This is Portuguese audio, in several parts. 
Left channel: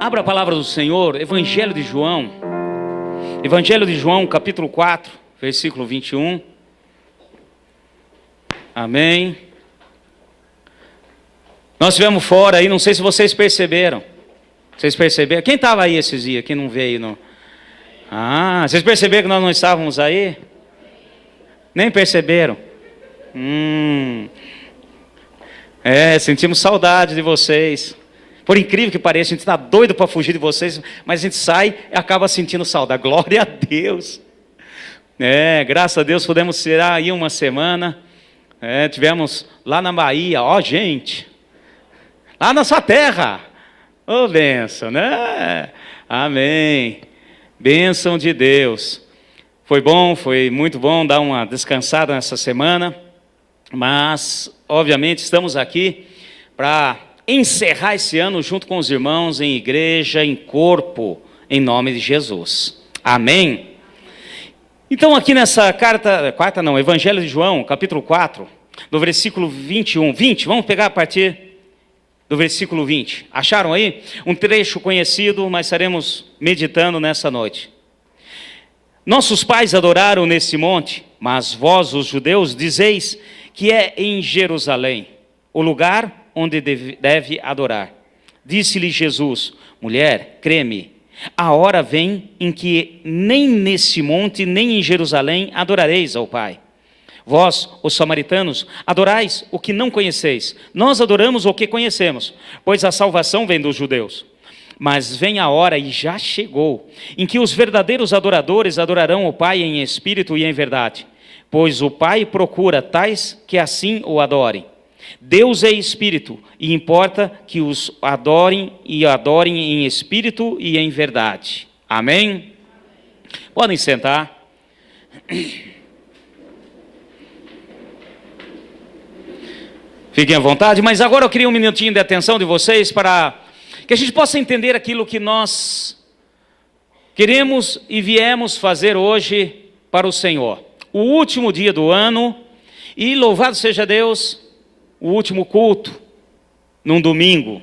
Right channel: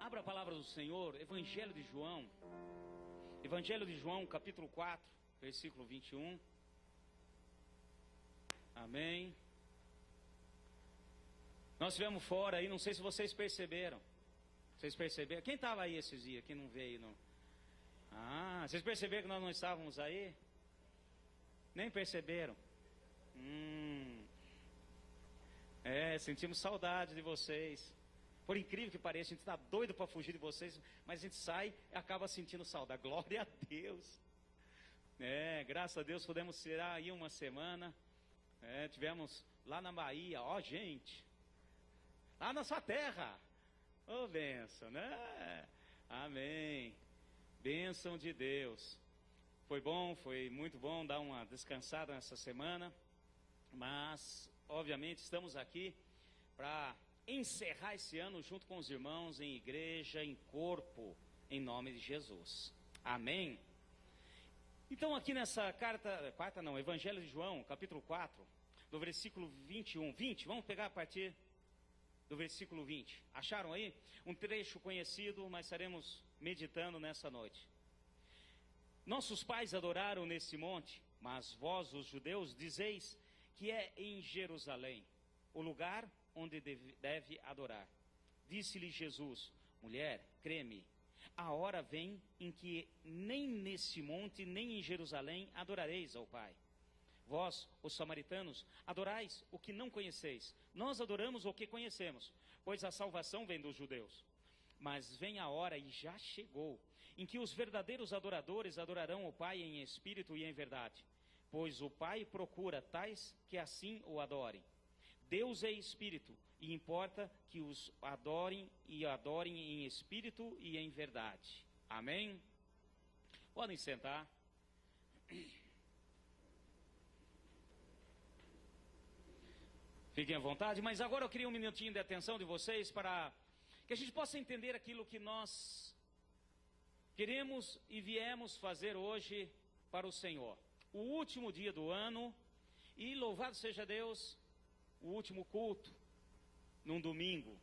Abra a palavra do Senhor, Evangelho de João, capítulo 4, versículo 21. Amém. Nós estivemos fora aí, não sei se vocês perceberam. Vocês perceberam? Quem estava aí esses dias? Quem não veio? Não? Vocês perceberam que nós não estávamos aí? Nem perceberam? Sentimos saudade de vocês. Por incrível que pareça, a gente está doido para fugir de vocês, mas a gente sai e acaba sentindo saudade. Glória a Deus. Graças a Deus pudemos tirar aí uma semana. Tivemos lá na Bahia, gente, lá na sua terra. Bênção, né? Amém. Bênção de Deus. Foi bom, foi muito bom dar uma descansada nessa semana, mas, obviamente, estamos aqui para encerrar esse ano junto com os irmãos em igreja, em corpo, em nome de Jesus. Amém? Então, aqui nessa Evangelho de João, capítulo 4, do versículo 20, vamos pegar a partir do versículo 20. Acharam aí? Um trecho conhecido, mas estaremos meditando nessa noite. Nossos pais adoraram nesse monte, mas vós, os judeus, dizeis que é em Jerusalém, o lugar onde deve adorar. Disse-lhe Jesus: mulher, crê-me, a hora vem em que nem nesse monte, nem em Jerusalém adorareis ao Pai. Vós, os samaritanos, adorais o que não conheceis. Nós adoramos o que conhecemos, pois a salvação vem dos judeus. Mas vem a hora, e já chegou, em que os verdadeiros adoradores adorarão o Pai em espírito e em verdade, pois o Pai procura tais que assim o adorem. Deus é espírito, e importa que os adorem e adorem em espírito e em verdade. Amém? Podem sentar. Fiquem à vontade, mas agora eu queria um minutinho de atenção de vocês para que a gente possa entender aquilo que nós queremos e viemos fazer hoje para o Senhor. O último dia do ano, e louvado seja Deus, o último culto, num domingo.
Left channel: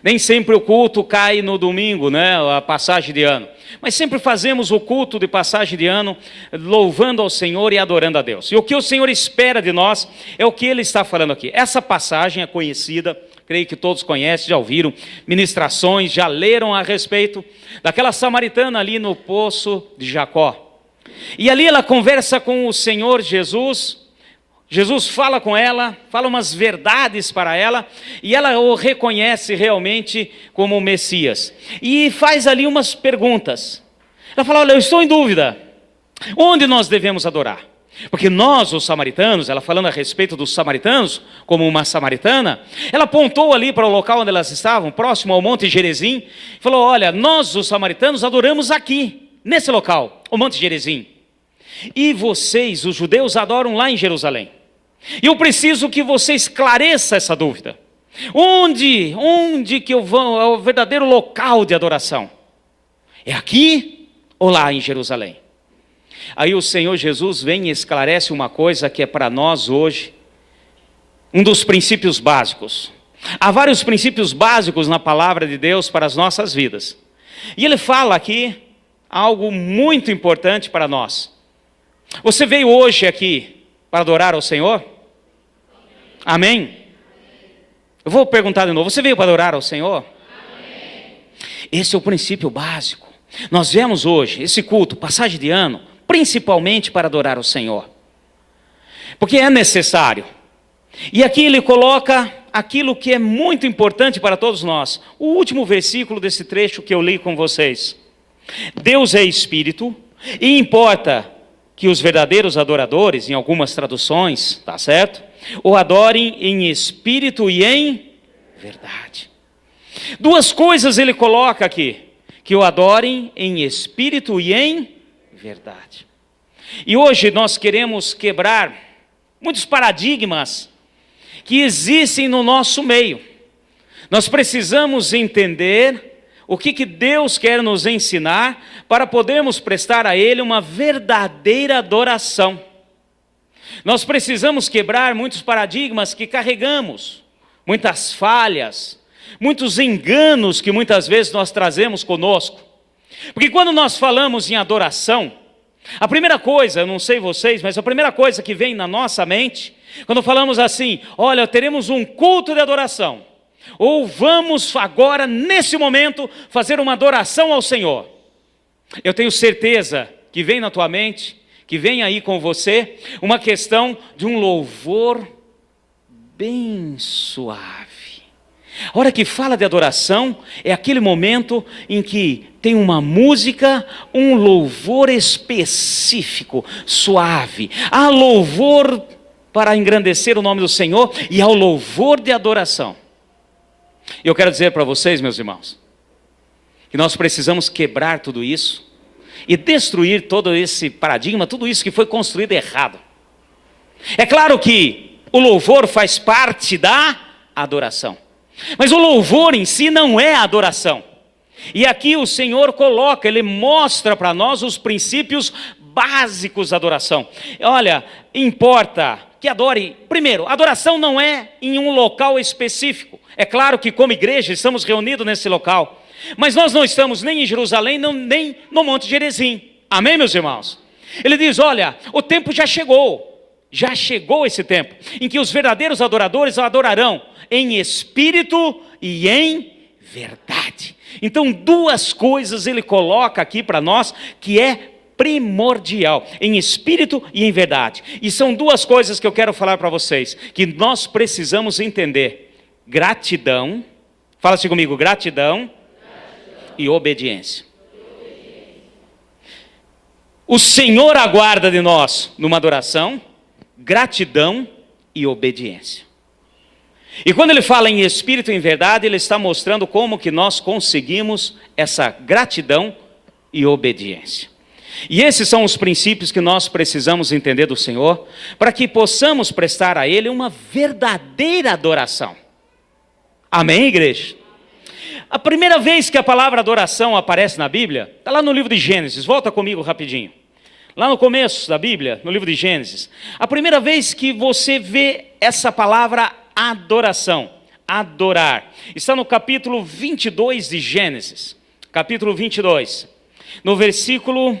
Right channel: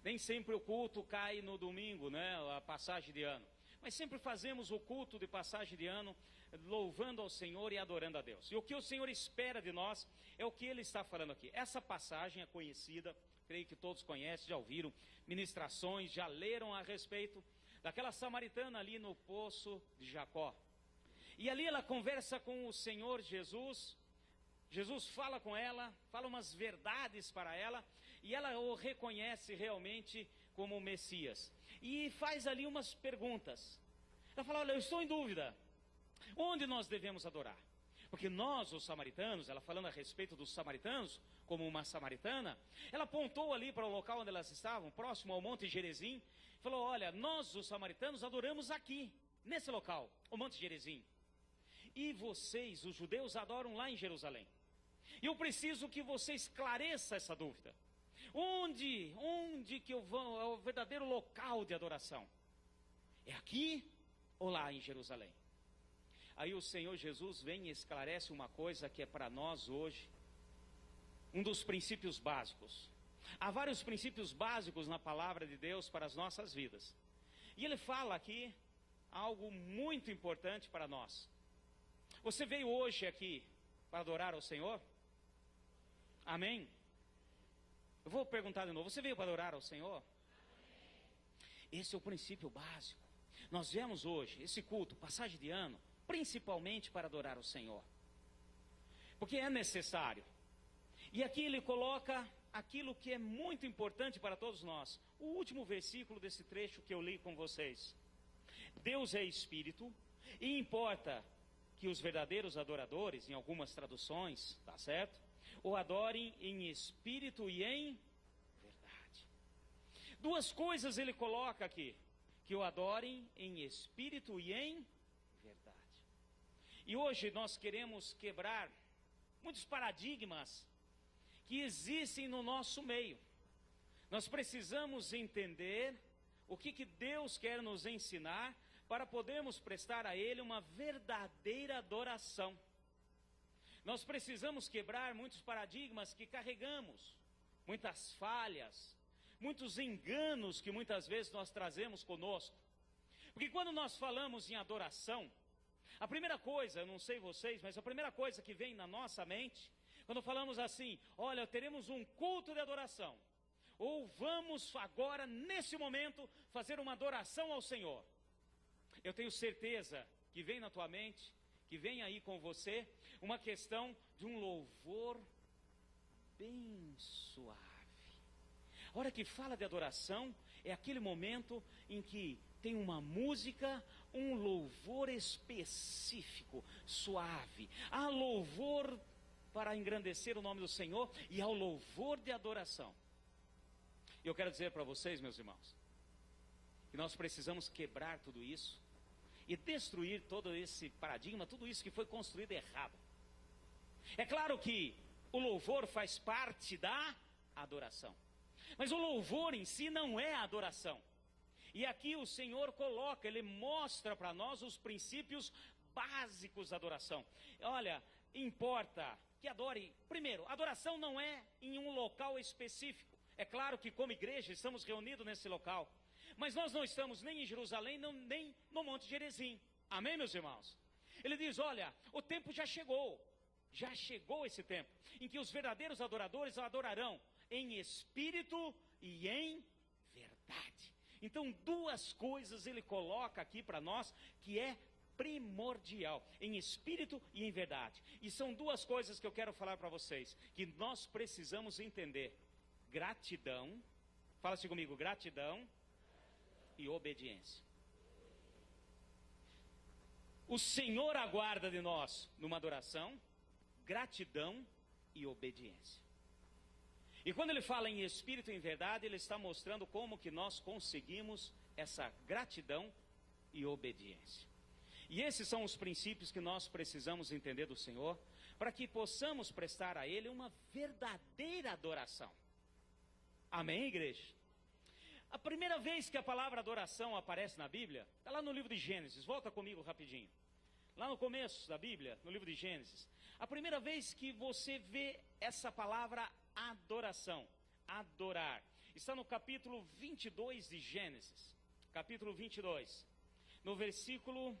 Nem sempre o culto cai no domingo, né, a passagem de ano. Mas sempre fazemos o culto de passagem de ano, louvando ao Senhor e adorando a Deus. E o que o Senhor espera de nós é o que Ele está falando aqui. Essa passagem é conhecida, creio que todos conhecem, já ouviram ministrações, já leram a respeito daquela samaritana ali no poço de Jacó. E ali ela conversa com o Senhor Jesus. Jesus fala com ela, fala umas verdades para ela, e ela o reconhece realmente como o Messias. E faz ali umas perguntas. Ela fala: olha, eu estou em dúvida, onde nós devemos adorar? Porque nós, os samaritanos, ela falando a respeito dos samaritanos, como uma samaritana, ela apontou ali para o local onde elas estavam, próximo ao Monte Gerizim, e falou: olha, nós, os samaritanos, adoramos aqui, nesse local, o Monte Gerizim. E vocês, os judeus, adoram lá em Jerusalém. E eu preciso que você esclareça essa dúvida. Onde que eu vou, é o verdadeiro local de adoração? É aqui ou lá em Jerusalém? Aí o Senhor Jesus vem e esclarece uma coisa que é para nós hoje um dos princípios básicos. Há vários princípios básicos na palavra de Deus para as nossas vidas. E Ele fala aqui algo muito importante para nós. Você veio hoje aqui para adorar ao Senhor? Amém? Eu vou perguntar de novo: você veio para adorar ao Senhor? Amém. Esse é o princípio básico. Nós viemos hoje, esse culto, passagem de ano, principalmente para adorar ao Senhor. Porque é necessário. E aqui ele coloca aquilo que é muito importante para todos nós. O último versículo desse trecho que eu li com vocês. Deus é espírito, e importa que os verdadeiros adoradores, em algumas traduções, tá certo? O adorem em espírito e em verdade. Duas coisas ele coloca aqui: que o adorem em espírito e em verdade. E hoje nós queremos quebrar muitos paradigmas que existem no nosso meio. Nós precisamos entender o que Deus quer nos ensinar para podermos prestar a Ele uma verdadeira adoração. Nós precisamos quebrar muitos paradigmas que carregamos, muitas falhas, muitos enganos que muitas vezes nós trazemos conosco. Porque quando nós falamos em adoração, a primeira coisa, eu não sei vocês, mas a primeira coisa que vem na nossa mente, quando falamos assim, olha, teremos um culto de adoração, ou vamos agora, nesse momento, fazer uma adoração ao Senhor. Eu tenho certeza que vem na tua mente, que vem aí com você, uma questão de um louvor bem suave. A hora que fala de adoração, é aquele momento em que tem uma música, um louvor específico, suave. Há louvor para engrandecer o nome do Senhor e há o louvor de adoração. Eu quero dizer para vocês, meus irmãos, que nós precisamos quebrar tudo isso e destruir todo esse paradigma, tudo isso que foi construído errado. É claro que o louvor faz parte da adoração, mas o louvor em si não é adoração. E aqui o Senhor coloca, Ele mostra para nós os princípios básicos da adoração. Olha, importa que adore. Primeiro, adoração não é em um local específico. É claro que como igreja estamos reunidos nesse local, mas nós não estamos nem em Jerusalém, nem no Monte Gerizim. Amém, meus irmãos? Ele diz, olha, o tempo já chegou esse tempo, em que os verdadeiros adoradores adorarão em espírito e em verdade. Então, duas coisas ele coloca aqui para nós, que é primordial, em espírito e em verdade. E são duas coisas que eu quero falar para vocês, que nós precisamos entender: gratidão, fala-se comigo, gratidão e obediência. O Senhor aguarda de nós, numa adoração, gratidão e obediência. E quando ele fala em espírito e em verdade, ele está mostrando como que nós conseguimos essa gratidão e obediência. E esses são os princípios que nós precisamos entender do Senhor, para que possamos prestar a Ele uma verdadeira adoração. Amém, igreja? A primeira vez que a palavra adoração aparece na Bíblia, está lá no livro de Gênesis, volta comigo rapidinho. Lá no começo da Bíblia, no livro de Gênesis, a primeira vez que você vê essa palavra adoração, adorar, está no capítulo 22 de Gênesis, capítulo 22, no versículo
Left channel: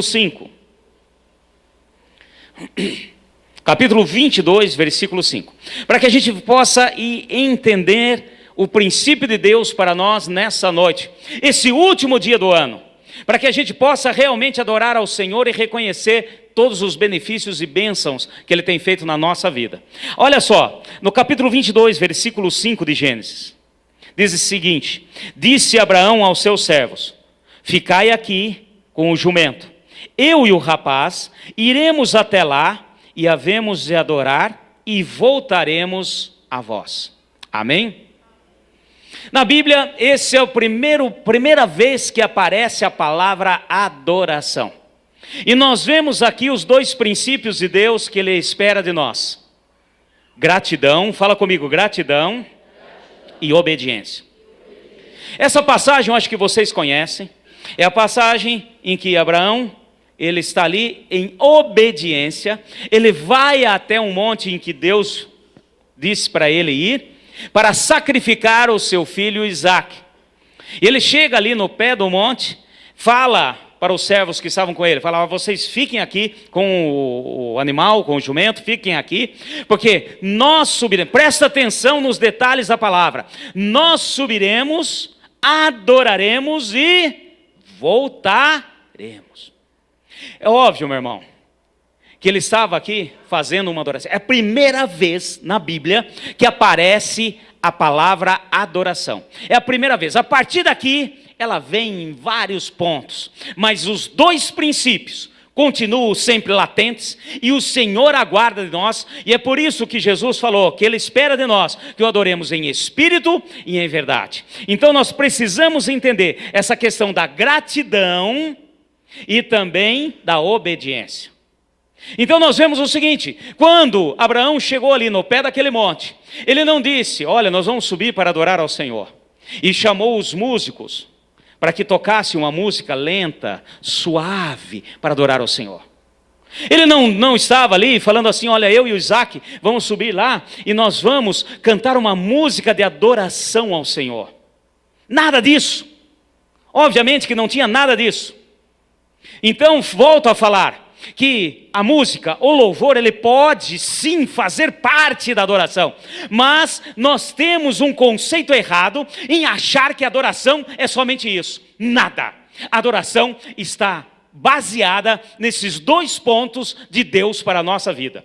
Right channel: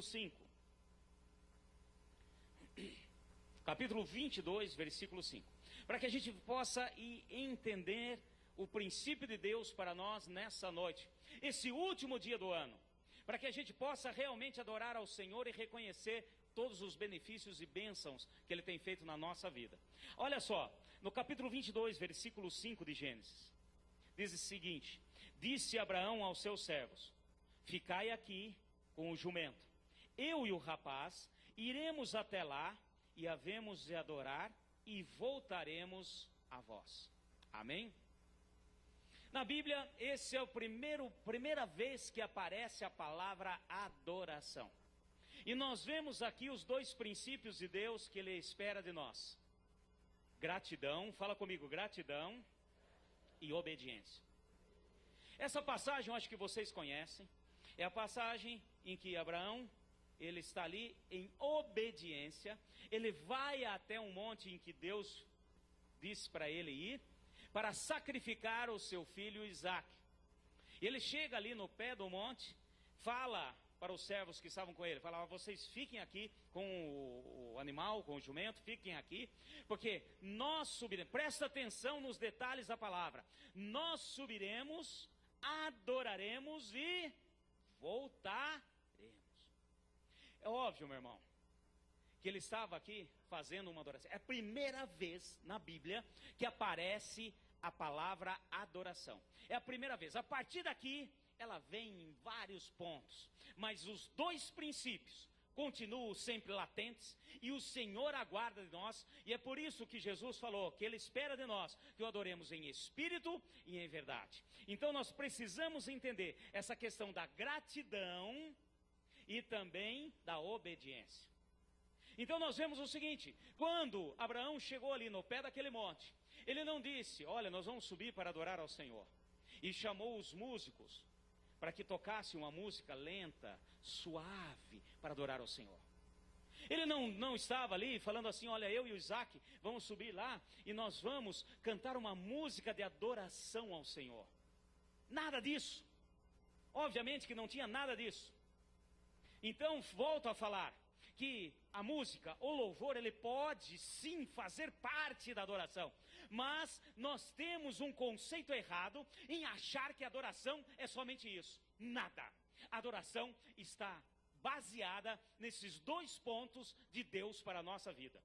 5. Capítulo 22, versículo 5. Para que a gente possa entender o princípio de Deus para nós nessa noite, esse último dia do ano, para que a gente possa realmente adorar ao Senhor e reconhecer todos os benefícios e bênçãos que Ele tem feito na nossa vida. Olha só, no capítulo 22, versículo 5 de Gênesis, diz o seguinte: disse Abraão aos seus servos, ficai aqui com o jumento, eu e o rapaz iremos até lá e havemos de adorar e voltaremos a vós. Amém? Na Bíblia, esse é a primeira vez que aparece a palavra adoração. E nós vemos aqui os dois princípios de Deus que Ele espera de nós: gratidão, fala comigo, gratidão e obediência. Essa passagem eu acho que vocês conhecem, é a passagem em que Abraão, ele está ali em obediência, ele vai até um monte em que Deus disse para ele ir, para sacrificar o seu filho Isaque. E ele chega ali no pé do monte, fala para os servos que estavam com ele, falava: vocês fiquem aqui com o animal, com o jumento, fiquem aqui, porque nós subiremos, presta atenção nos detalhes da palavra, nós subiremos, adoraremos e voltaremos. É óbvio, meu irmão, que ele estava aqui fazendo uma adoração. É a primeira vez na Bíblia que aparece a palavra adoração. É a primeira vez. A partir daqui, ela vem em vários pontos, mas os dois princípios continuam sempre latentes e o Senhor aguarda de nós, e é por isso que Jesus falou que Ele espera de nós que o adoremos em espírito e em verdade. Então nós precisamos entender essa questão da gratidão e também da obediência. Então nós vemos o seguinte: quando Abraão chegou ali no pé daquele monte, ele não disse: olha, nós vamos subir para adorar ao Senhor, e chamou os músicos para que tocasse uma música lenta, suave, para adorar ao Senhor. Ele não estava ali falando assim, olha, eu e o Isaac vamos subir lá e nós vamos cantar uma música de adoração ao Senhor. Nada disso. Obviamente que não tinha nada disso. Então, volto a falar que a música, o louvor, ele pode sim fazer parte da adoração. Mas nós temos um conceito errado em achar que adoração é somente isso. Nada. A adoração está baseada nesses 2 pontos de Deus para a nossa vida.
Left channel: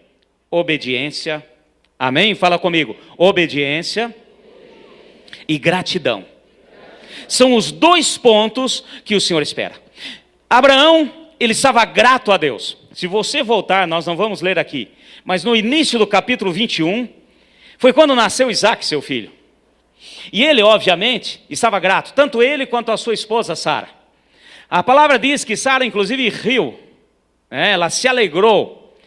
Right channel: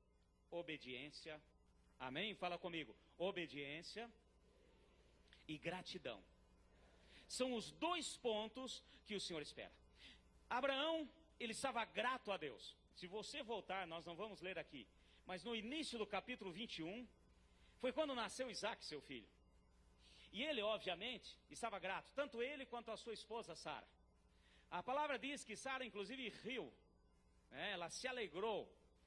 Obediência, amém? Fala comigo. Obediência e gratidão. São os 2 pontos que o Senhor espera. Abraão, ele estava grato a Deus. Se você voltar, nós não vamos ler aqui, mas no início do capítulo 21, foi quando nasceu Isaac, seu filho. E ele, obviamente, estava grato, tanto ele quanto a sua esposa Sara. A palavra diz que Sara, inclusive, riu, ela se alegrou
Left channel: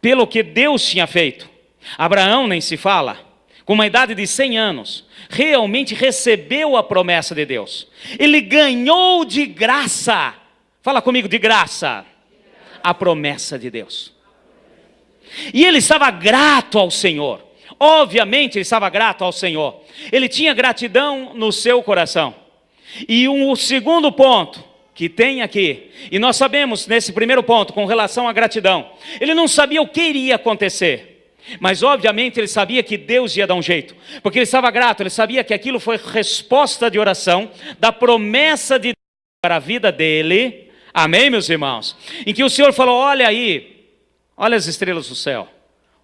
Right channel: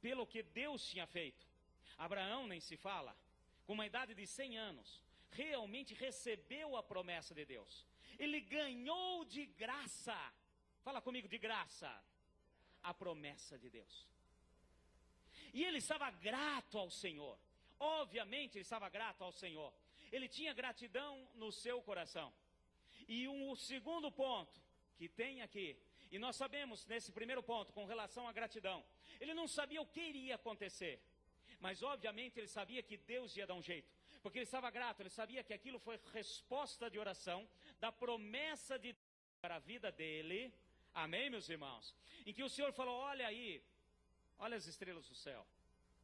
pelo que Deus tinha feito. Abraão nem se fala, com uma idade de 100 anos, realmente recebeu a promessa de Deus. Ele ganhou de graça, fala comigo, de graça, a promessa de Deus. E ele estava grato ao Senhor. Obviamente ele estava grato ao Senhor. Ele tinha gratidão no seu coração. E o segundo ponto que tem aqui, e nós sabemos nesse primeiro ponto com relação à gratidão, ele não sabia o que iria acontecer, mas obviamente ele sabia que Deus ia dar um jeito, porque ele estava grato, ele sabia que aquilo foi resposta de oração da promessa de Deus para a vida dele. Amém, meus irmãos? Em que o Senhor falou, olha aí, olha as estrelas do céu,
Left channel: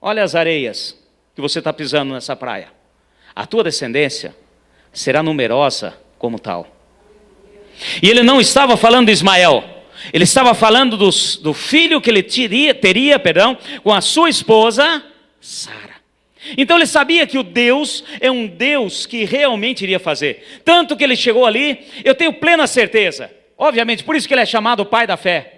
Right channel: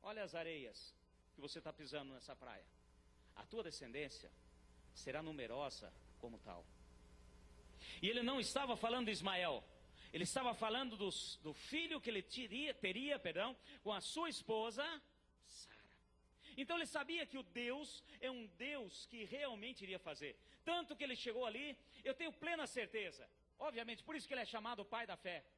olha as areias que você está pisando nessa praia. A tua descendência será numerosa como tal. E ele não estava falando de Ismael, ele estava falando do filho que ele teria, com a sua esposa, Sara. Então ele sabia que o Deus é um Deus que realmente iria fazer. Tanto que ele chegou ali, eu tenho plena certeza. Obviamente, por isso que ele é chamado pai da fé.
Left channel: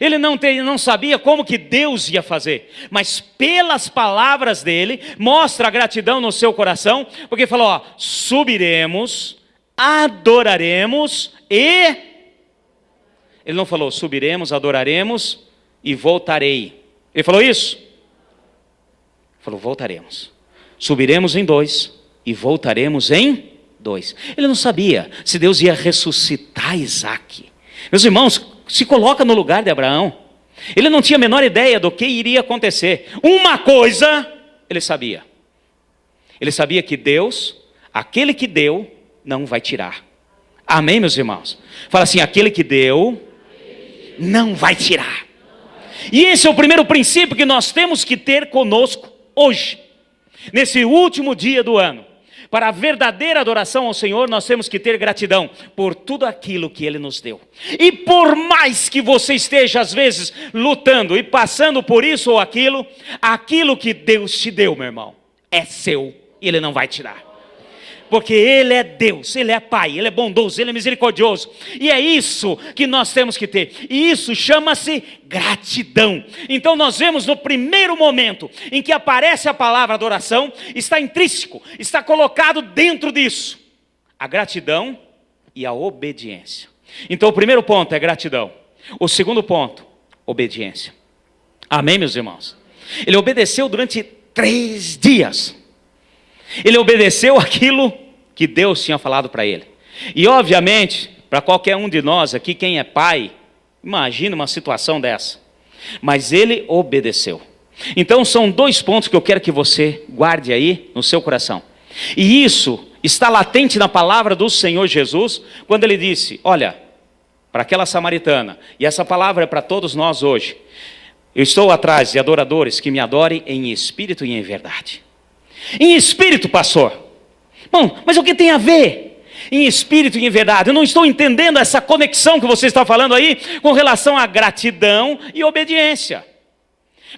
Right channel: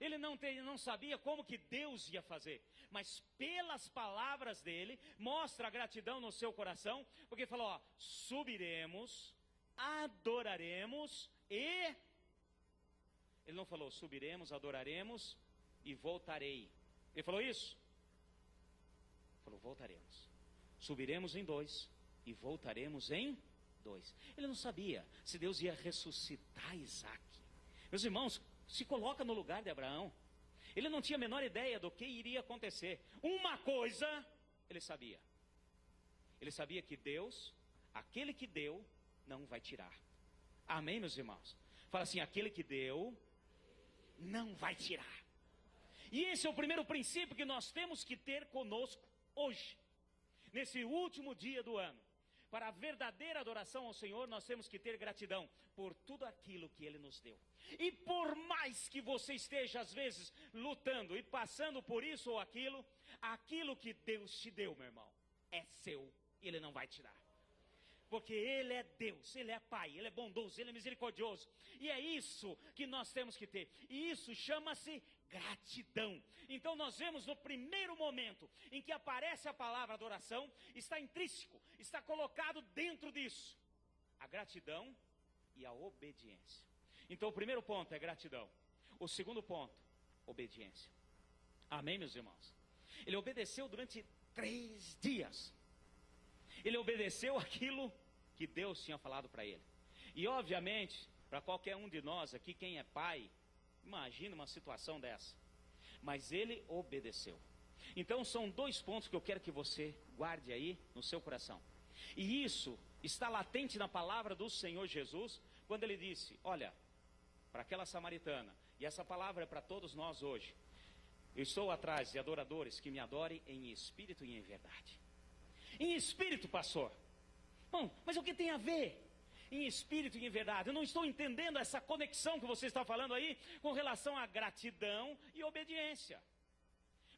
Ele não sabia como que Deus ia fazer, mas pelas palavras dele, mostra a gratidão no seu coração, porque falou, ó, subiremos, adoraremos e... Ele não falou, subiremos, adoraremos e voltarei. Ele falou isso? Ele falou, voltaremos. Subiremos em 2 e voltaremos em 2. Ele não sabia se Deus ia ressuscitar Isaac. Meus irmãos, se coloca no lugar de Abraão. Ele não tinha a menor ideia do que iria acontecer. Uma coisa ele sabia. Ele sabia que Deus, aquele que deu, não vai tirar. Amém, meus irmãos? Fala assim, aquele que deu, não vai tirar. E esse é o primeiro princípio que nós temos que ter conosco hoje, nesse último dia do ano. Para a verdadeira adoração ao Senhor, nós temos que ter gratidão por tudo aquilo que Ele nos deu. E por mais que você esteja, às vezes, lutando e passando por isso ou aquilo, aquilo que Deus te deu, meu irmão, é seu e Ele não vai tirar. Porque Ele é Deus, Ele é Pai, Ele é bondoso, Ele é misericordioso. E é isso que nós temos que ter. E isso chama-se gratidão. Então nós vemos no primeiro momento em que aparece a palavra adoração, está intrínseco, está colocado dentro disso a gratidão e a obediência. Então o primeiro ponto é gratidão. O segundo ponto, obediência. Amém, meus irmãos? Ele obedeceu durante 3 dias. Ele obedeceu aquilo que Deus tinha falado para ele. E obviamente, para qualquer um de nós aqui, quem é pai, imagina uma situação dessa. Mas ele obedeceu. Então são 2 pontos que eu quero que você guarde aí no seu coração. E isso está latente na palavra do Senhor Jesus, quando ele disse, olha, para aquela samaritana, e essa palavra é para todos nós hoje, eu estou atrás de adoradores que me adorem em espírito e em verdade. Em espírito, pastor. Bom, mas o que tem a ver? Em espírito e em verdade. Eu não estou entendendo essa conexão que você está falando aí com relação à gratidão e obediência.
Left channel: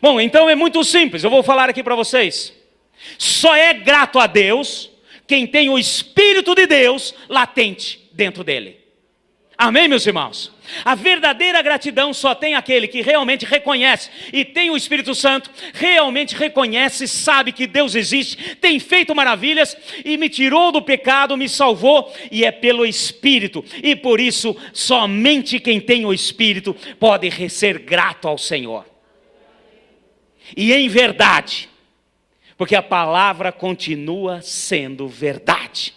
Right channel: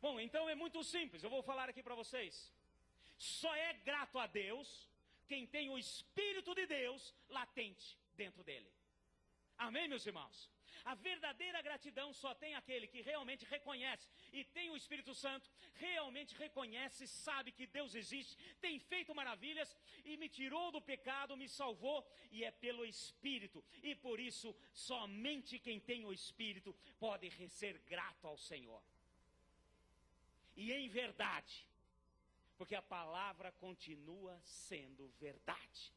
Bom, então é muito simples, eu vou falar aqui para vocês. Só é grato a Deus quem tem o Espírito de Deus latente dentro dele. Amém, meus irmãos? A verdadeira gratidão só tem aquele que realmente reconhece e tem o Espírito Santo, realmente reconhece, sabe que Deus existe, tem feito maravilhas e me tirou do pecado, me salvou, e é pelo Espírito. E por isso, somente quem tem o Espírito pode ser grato ao Senhor. e em verdade, porque a palavra continua sendo verdade,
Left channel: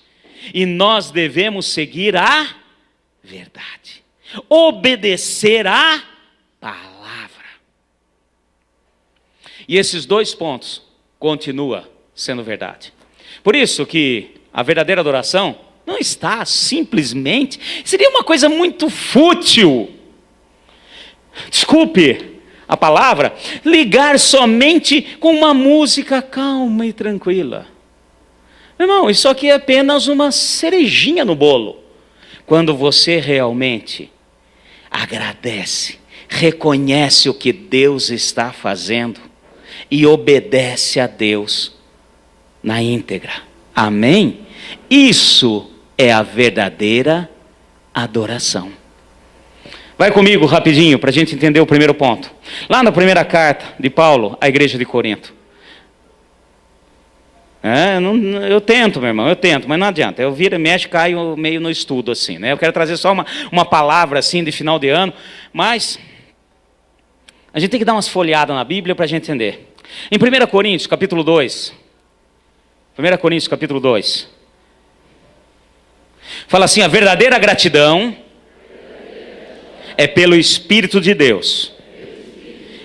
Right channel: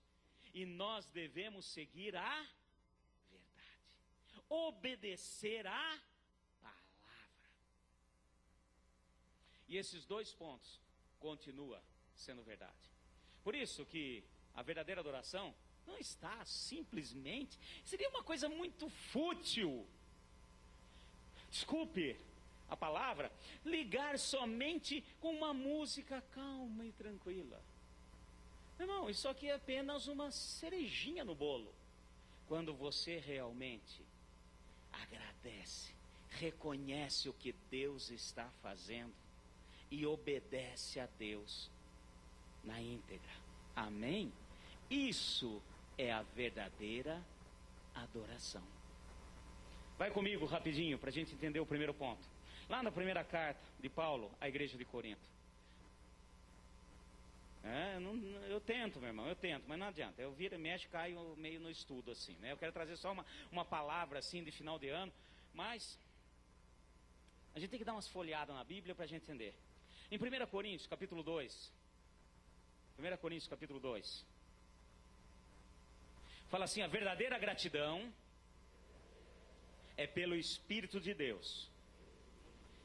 e nós devemos seguir a verdade, obedecer a palavra. E esses dois pontos continuam sendo verdade. Por isso que a verdadeira adoração não está simplesmente, seria uma coisa muito fútil, desculpe a palavra, ligar somente com uma música calma e tranquila. Meu irmão, isso aqui é apenas uma cerejinha no bolo. Quando você realmente agradece, reconhece o que Deus está fazendo e obedece a Deus na íntegra. Amém? Isso é a verdadeira adoração. Vai comigo rapidinho para a gente entender o primeiro ponto. Lá na primeira carta de Paulo à igreja de Corinto. Eu tento, meu irmão, mas não adianta. Eu viro e mexo, caio meio no estudo assim, né? Eu quero trazer só uma palavra assim de final de ano, mas a gente tem que dar umas folheadas na Bíblia para a gente entender. Em 1 Coríntios, capítulo 2. 1 Coríntios, capítulo 2. Fala assim, a verdadeira gratidão é pelo Espírito de Deus.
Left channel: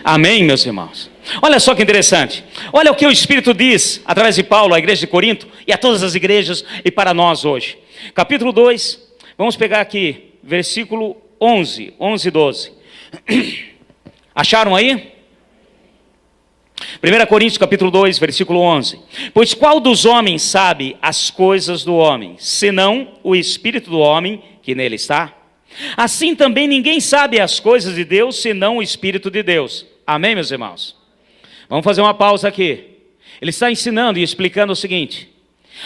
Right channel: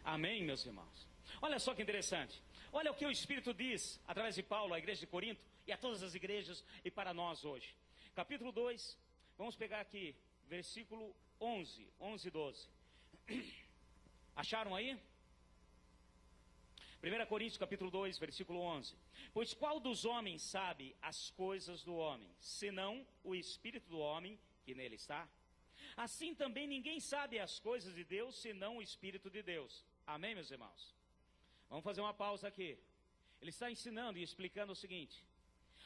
Amém, meus irmãos? Olha só que interessante. Olha o que o Espírito diz, através de Paulo, à igreja de Corinto, e a todas as igrejas, e para nós hoje. Capítulo 2, vamos pegar aqui, versículo 11 e 12. Acharam aí? 1 Coríntios capítulo 2, versículo 11. Pois qual dos homens sabe as coisas do homem, senão o Espírito do homem que nele está? Assim também ninguém sabe as coisas de Deus, senão o Espírito de Deus. Amém, meus irmãos? Vamos fazer uma pausa aqui. Ele está ensinando e explicando o seguinte:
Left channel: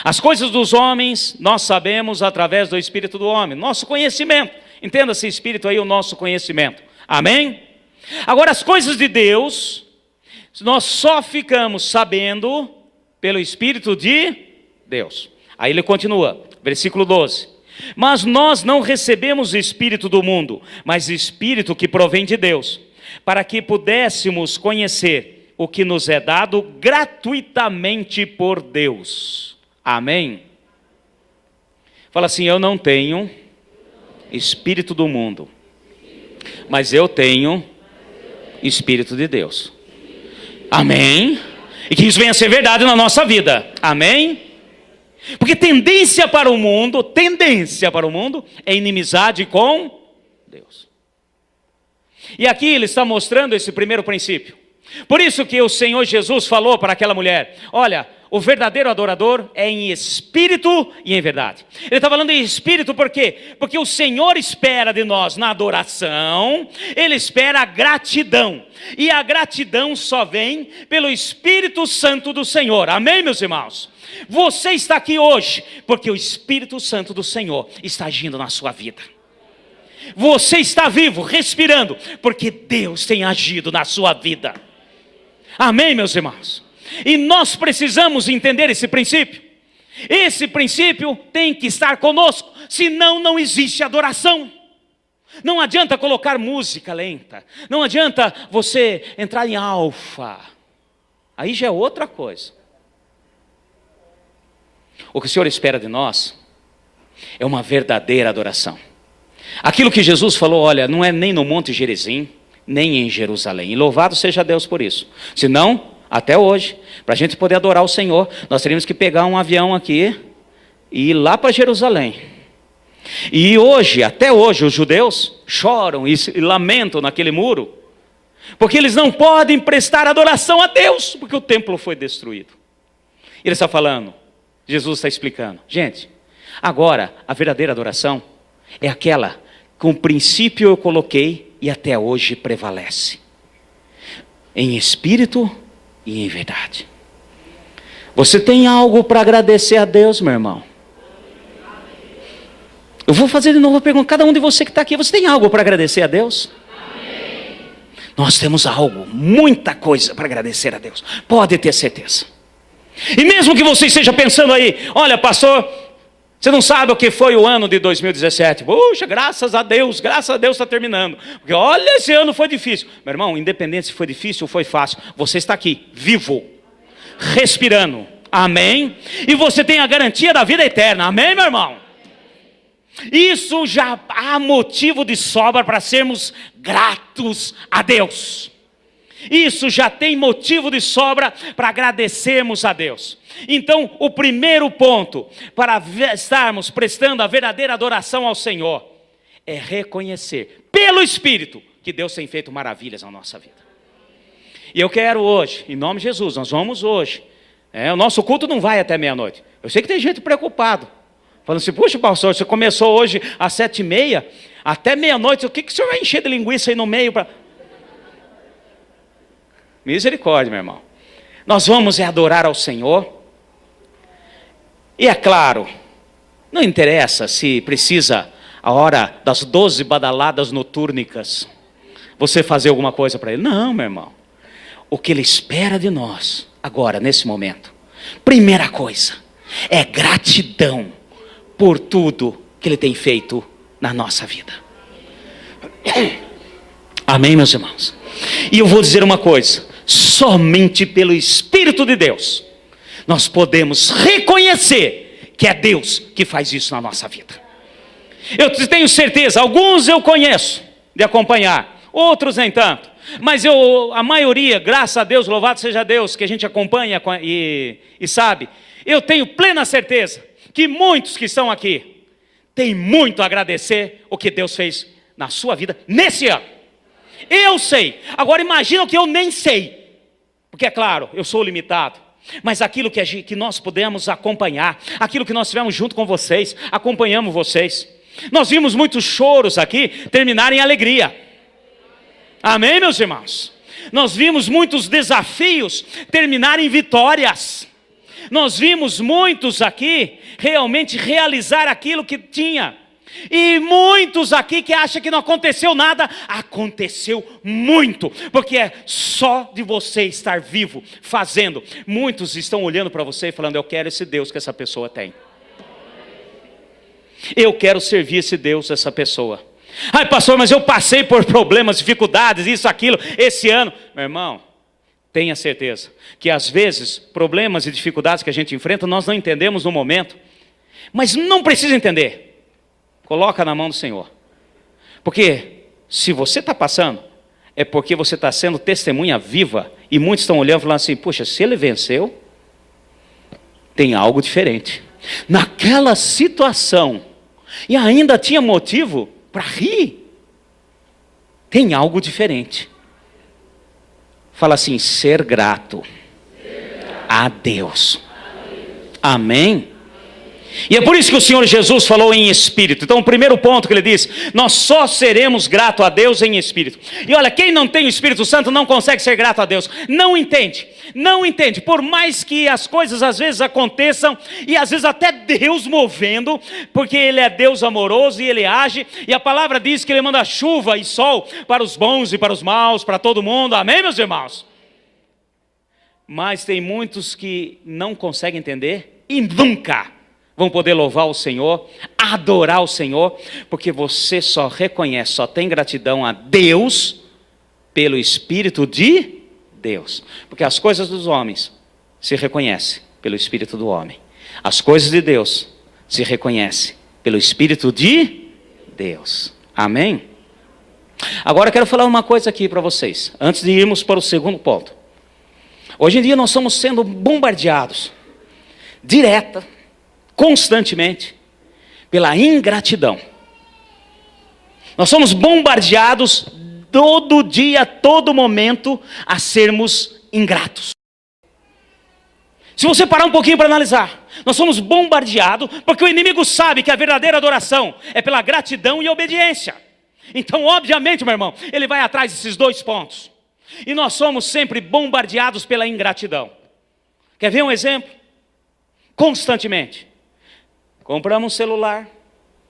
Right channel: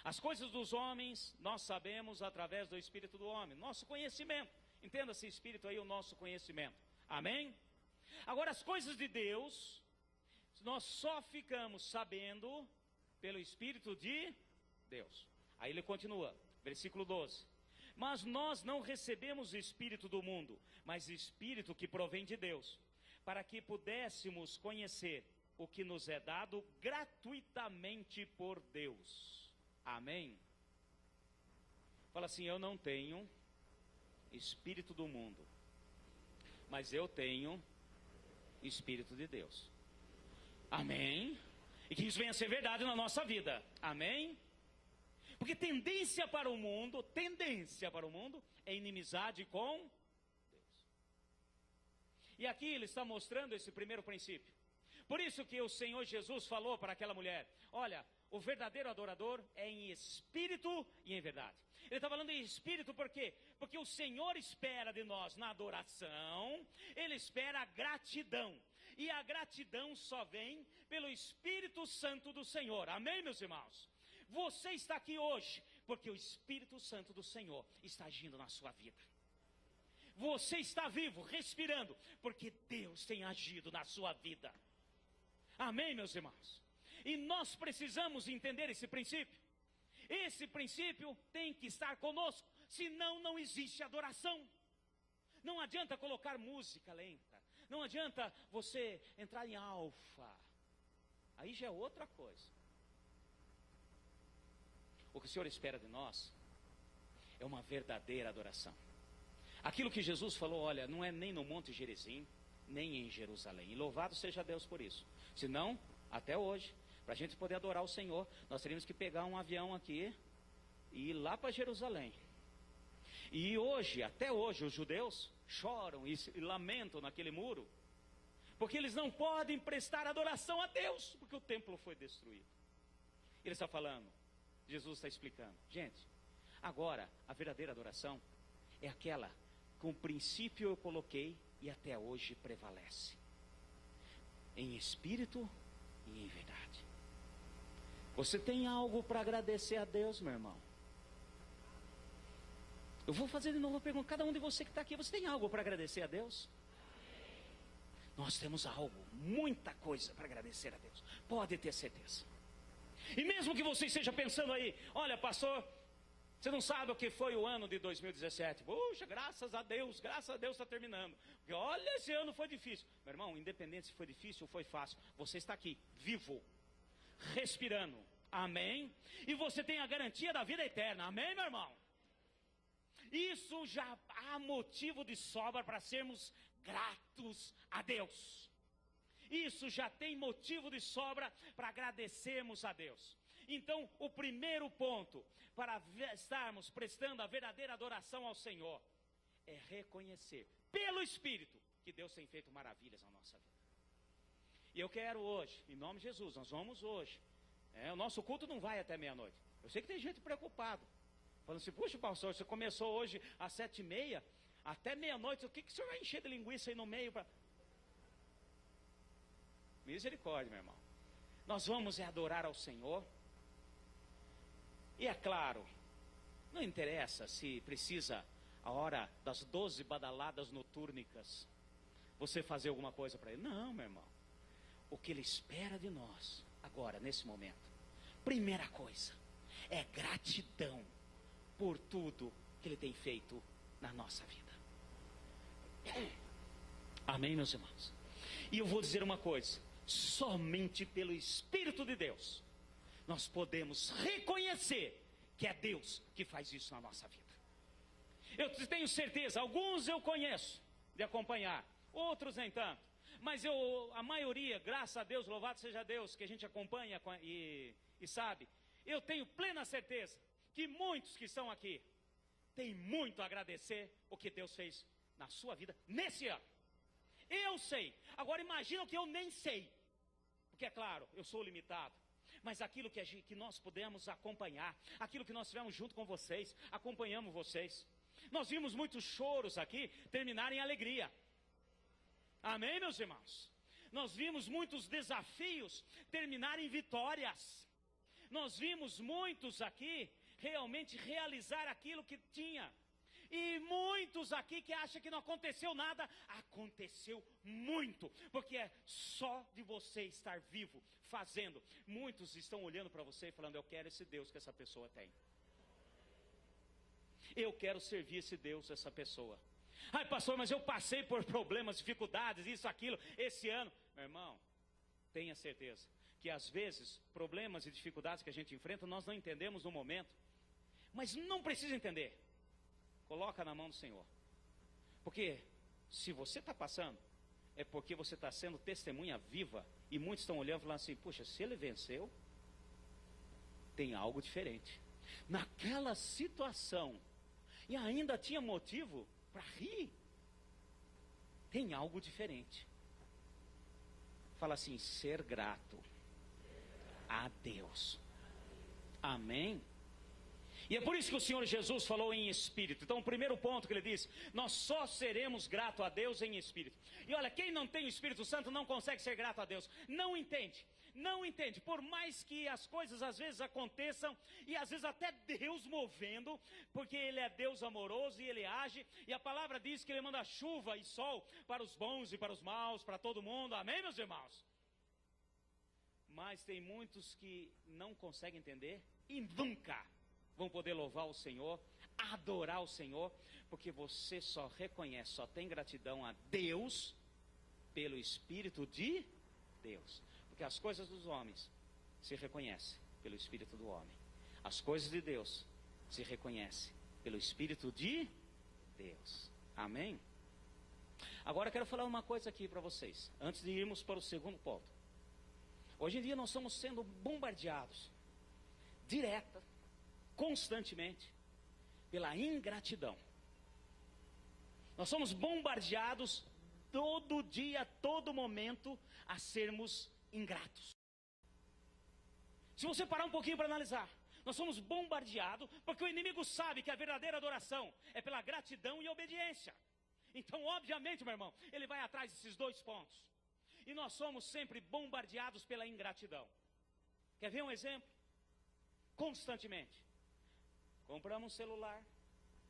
as coisas dos homens nós sabemos através do Espírito do homem, nosso conhecimento. Entenda-se Espírito aí, o nosso conhecimento. Amém? Agora as coisas de Deus nós só ficamos sabendo pelo Espírito de Deus. Aí ele continua, versículo 12. Mas nós não recebemos o Espírito do mundo, mas o Espírito que provém de Deus, para que pudéssemos conhecer o que nos é dado gratuitamente por Deus. Amém? Fala assim, eu não tenho Espírito do mundo, mas eu tenho Espírito de Deus. Amém? E que isso venha a ser verdade na nossa vida. Amém? Porque tendência para o mundo é inimizade com Deus. E aqui ele está mostrando esse primeiro princípio. Por isso que o Senhor Jesus falou para aquela mulher, olha, o verdadeiro adorador é em espírito e em verdade. Ele está falando em espírito por quê? Porque o Senhor espera de nós na adoração, Ele espera a gratidão. E a gratidão só vem pelo Espírito Santo do Senhor. Amém, meus irmãos? Você está aqui hoje porque o Espírito Santo do Senhor está agindo na sua vida. Você está vivo, respirando, porque Deus tem agido na sua vida. Amém, meus irmãos? E nós precisamos entender esse princípio. Esse princípio tem que estar conosco, senão não existe adoração. Não adianta colocar música lenta, não adianta você entrar em alfa, aí já é outra coisa. O que o Senhor espera de nós é uma verdadeira adoração. Aquilo que Jesus falou, olha, não é nem no Monte Gerizim, nem em Jerusalém, e louvado seja Deus por isso. Senão, até hoje, para a gente poder adorar o Senhor, nós teríamos que pegar um avião aqui e ir lá para Jerusalém. E hoje, até hoje, os judeus choram e lamentam naquele muro, porque eles não podem prestar adoração a Deus, porque o templo foi destruído. Ele está falando, Jesus está explicando, gente, agora a verdadeira adoração é aquela que o princípio eu coloquei e até hoje prevalece, em espírito e em verdade. Você tem algo para agradecer a Deus, meu irmão? Eu vou fazer de novo a pergunta, cada um de você que está aqui, você tem algo para agradecer a Deus? Amém. Nós temos algo, muita coisa para agradecer a Deus, pode ter certeza. E mesmo que você esteja pensando aí, olha pastor, Você não sabe o que foi o ano de 2017. Puxa, graças a Deus está terminando. Porque olha, esse ano foi difícil. Meu irmão, independente se foi difícil ou foi fácil, você está aqui, vivo, respirando. Amém? E você tem a garantia da vida eterna. Amém, meu irmão? Isso já há motivo de sobra para sermos gratos a Deus. Isso já tem motivo de sobra para agradecermos a Deus. Então, o primeiro ponto para estarmos prestando a verdadeira adoração ao Senhor é reconhecer, pelo Espírito, que Deus tem feito maravilhas na nossa vida. E eu quero hoje, em nome de Jesus, nós vamos hoje. O nosso culto não vai até meia-noite. Eu sei que tem gente preocupado, falando assim, puxa pastor, você começou hoje às 7h30, até meia-noite, o que o senhor vai encher de linguiça aí no meio para... Misericórdia, meu irmão. Nós vamos adorar ao Senhor. E é claro, não interessa se precisa a hora das 12 badaladas notúrnicas você fazer alguma coisa para Ele. Não, meu irmão. O que Ele espera de nós agora, nesse momento, primeira coisa, é gratidão por tudo que Ele tem feito na nossa vida. Amém, meus irmãos? E eu vou dizer uma coisa, somente pelo Espírito de Deus nós podemos reconhecer que é Deus que faz isso na nossa vida. Eu tenho certeza, alguns eu conheço de acompanhar, outros nem tanto, mas a maioria, graças a Deus, louvado seja Deus, que a gente acompanha e sabe, eu tenho plena certeza que muitos que estão aqui têm muito a agradecer o que Deus fez na sua vida nesse ano. Eu sei, agora imagina o que eu nem sei, porque é claro, eu sou limitado, mas aquilo que nós pudemos acompanhar, aquilo que nós tivemos junto com vocês, acompanhamos vocês, nós vimos muitos choros aqui terminarem em alegria, amém, meus irmãos? Nós vimos muitos desafios terminarem em vitórias, nós vimos muitos aqui realmente realizar aquilo que tinha. E muitos aqui que acham que não aconteceu nada, aconteceu muito, porque é só de você estar vivo, fazendo. Muitos estão olhando para você e falando, eu quero esse Deus que essa pessoa tem. Eu quero servir esse Deus, essa pessoa. Ai pastor, mas eu passei por problemas, dificuldades, isso, aquilo, esse ano. Meu irmão, tenha certeza que às vezes, problemas e dificuldades que a gente enfrenta, nós não entendemos no momento. Mas não precisa entender. Coloca na mão do Senhor. Porque se você está passando, é porque você está sendo testemunha viva. E muitos estão olhando e falando assim, puxa, se ele venceu, tem algo diferente. Naquela situação, e ainda tinha motivo para rir, tem algo diferente. Fala assim, ser grato a Deus. Amém? E é por isso que o Senhor Jesus falou em espírito. Então o primeiro ponto que ele diz, nós só seremos gratos a Deus em espírito. E olha, quem não tem o Espírito Santo não consegue ser grato a Deus. Não entende, não entende. Por mais que as coisas às vezes aconteçam, e às vezes até Deus movendo, porque Ele é Deus amoroso e Ele age. E a palavra diz que Ele manda chuva e sol para os bons e para os maus, para todo mundo. Amém, meus irmãos? Mas tem muitos que não conseguem entender e nunca vão poder louvar o Senhor, adorar o Senhor, porque você só reconhece, só tem gratidão a Deus pelo Espírito de Deus. Porque as coisas dos homens se reconhecem pelo Espírito do homem. As coisas de Deus se reconhecem pelo Espírito de Deus. Amém? Agora eu quero falar uma coisa aqui para vocês, antes de irmos para o segundo ponto. Hoje em dia nós estamos sendo bombardeados, direta, constantemente, pela ingratidão. Nós somos bombardeados todo dia, todo momento, a sermos ingratos. Se você parar um pouquinho para analisar, nós somos bombardeados, porque o inimigo sabe que a verdadeira adoração é pela gratidão e obediência. Então, obviamente, meu irmão, ele vai atrás desses dois pontos. E nós somos sempre bombardeados pela ingratidão. Quer ver um exemplo? Constantemente. Compramos um celular,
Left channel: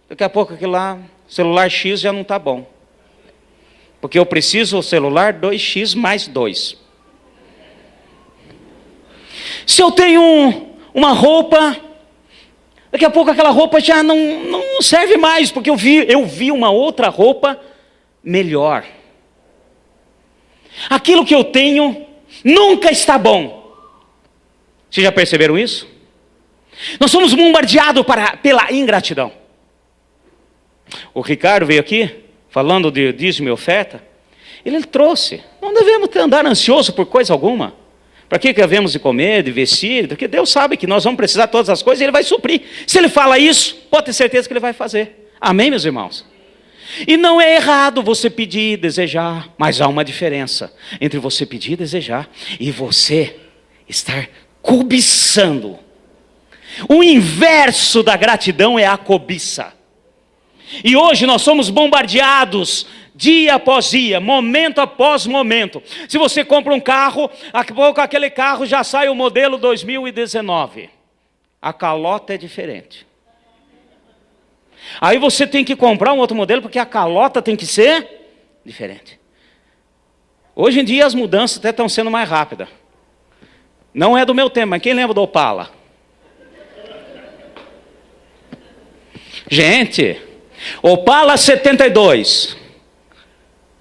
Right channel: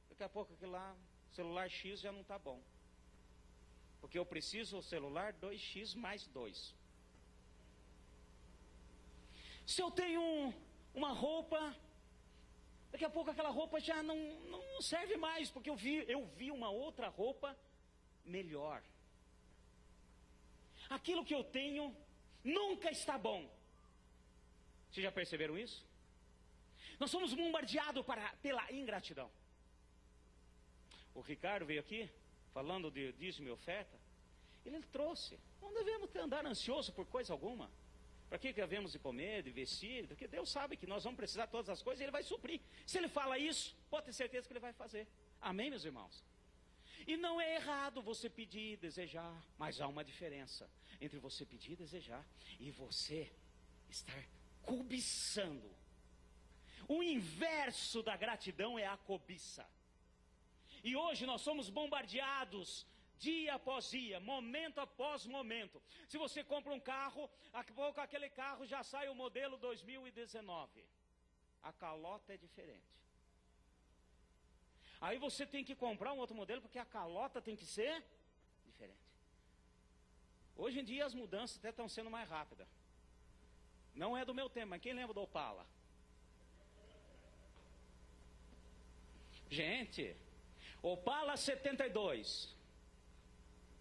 daqui a pouco aquele lá, celular X já não está bom. Porque eu preciso do celular 2X mais 2. Se eu tenho uma roupa, daqui daqui a pouco aquela roupa já não serve mais, porque eu vi uma outra roupa melhor. Aquilo que eu tenho nunca está bom. Vocês já perceberam isso? Nós somos bombardeados pela ingratidão. O Ricardo veio aqui, falando de dízimo e oferta. Ele trouxe. Não devemos andar ansioso por coisa alguma. Para que havemos de comer, de vestir? Porque Deus sabe que nós vamos precisar de todas as coisas e Ele vai suprir. Se Ele fala isso, pode ter certeza que Ele vai fazer. Amém, meus irmãos? E não é errado você pedir, desejar, mas há uma diferença entre você pedir, desejar e você estar cobiçando. O inverso da gratidão é a cobiça. E hoje nós somos bombardeados dia após dia, momento após momento. Se você compra um carro, daqui a pouco aquele carro já sai o modelo 2019. A calota é diferente. Aí você tem que comprar um outro modelo, porque a calota tem que ser diferente. Hoje em dia as mudanças até estão sendo mais rápidas. Não é do meu tempo, mas quem lembra do Opala? Gente, Opala 72,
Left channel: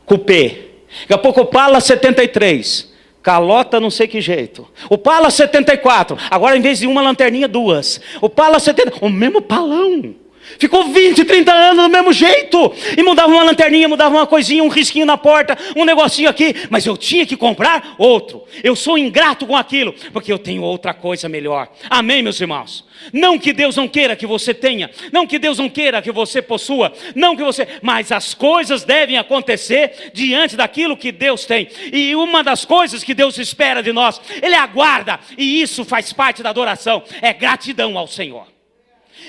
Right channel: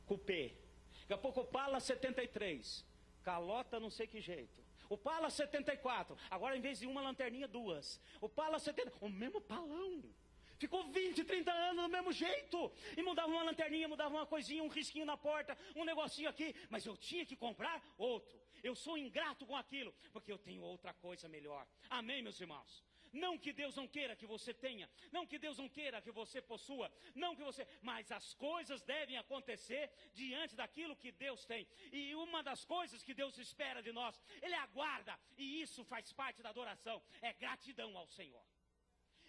Coupé. Daqui a pouco Opala 73, calota não sei que jeito. Opala 74, agora em vez de uma lanterninha, duas. Opala 70, o mesmo palão. Ficou 20, 30 anos do mesmo jeito. E mudava uma lanterninha, mudava uma coisinha, um risquinho na porta, um negocinho aqui. Mas eu tinha que comprar outro. Eu sou ingrato com aquilo, porque eu tenho outra coisa melhor. Amém, meus irmãos? Não que Deus não queira que você tenha. Não que Deus não queira que você possua. Não que você... Mas as coisas devem acontecer diante daquilo que Deus tem. E uma das coisas que Deus espera de nós, Ele aguarda. E isso faz parte da adoração. É gratidão ao Senhor.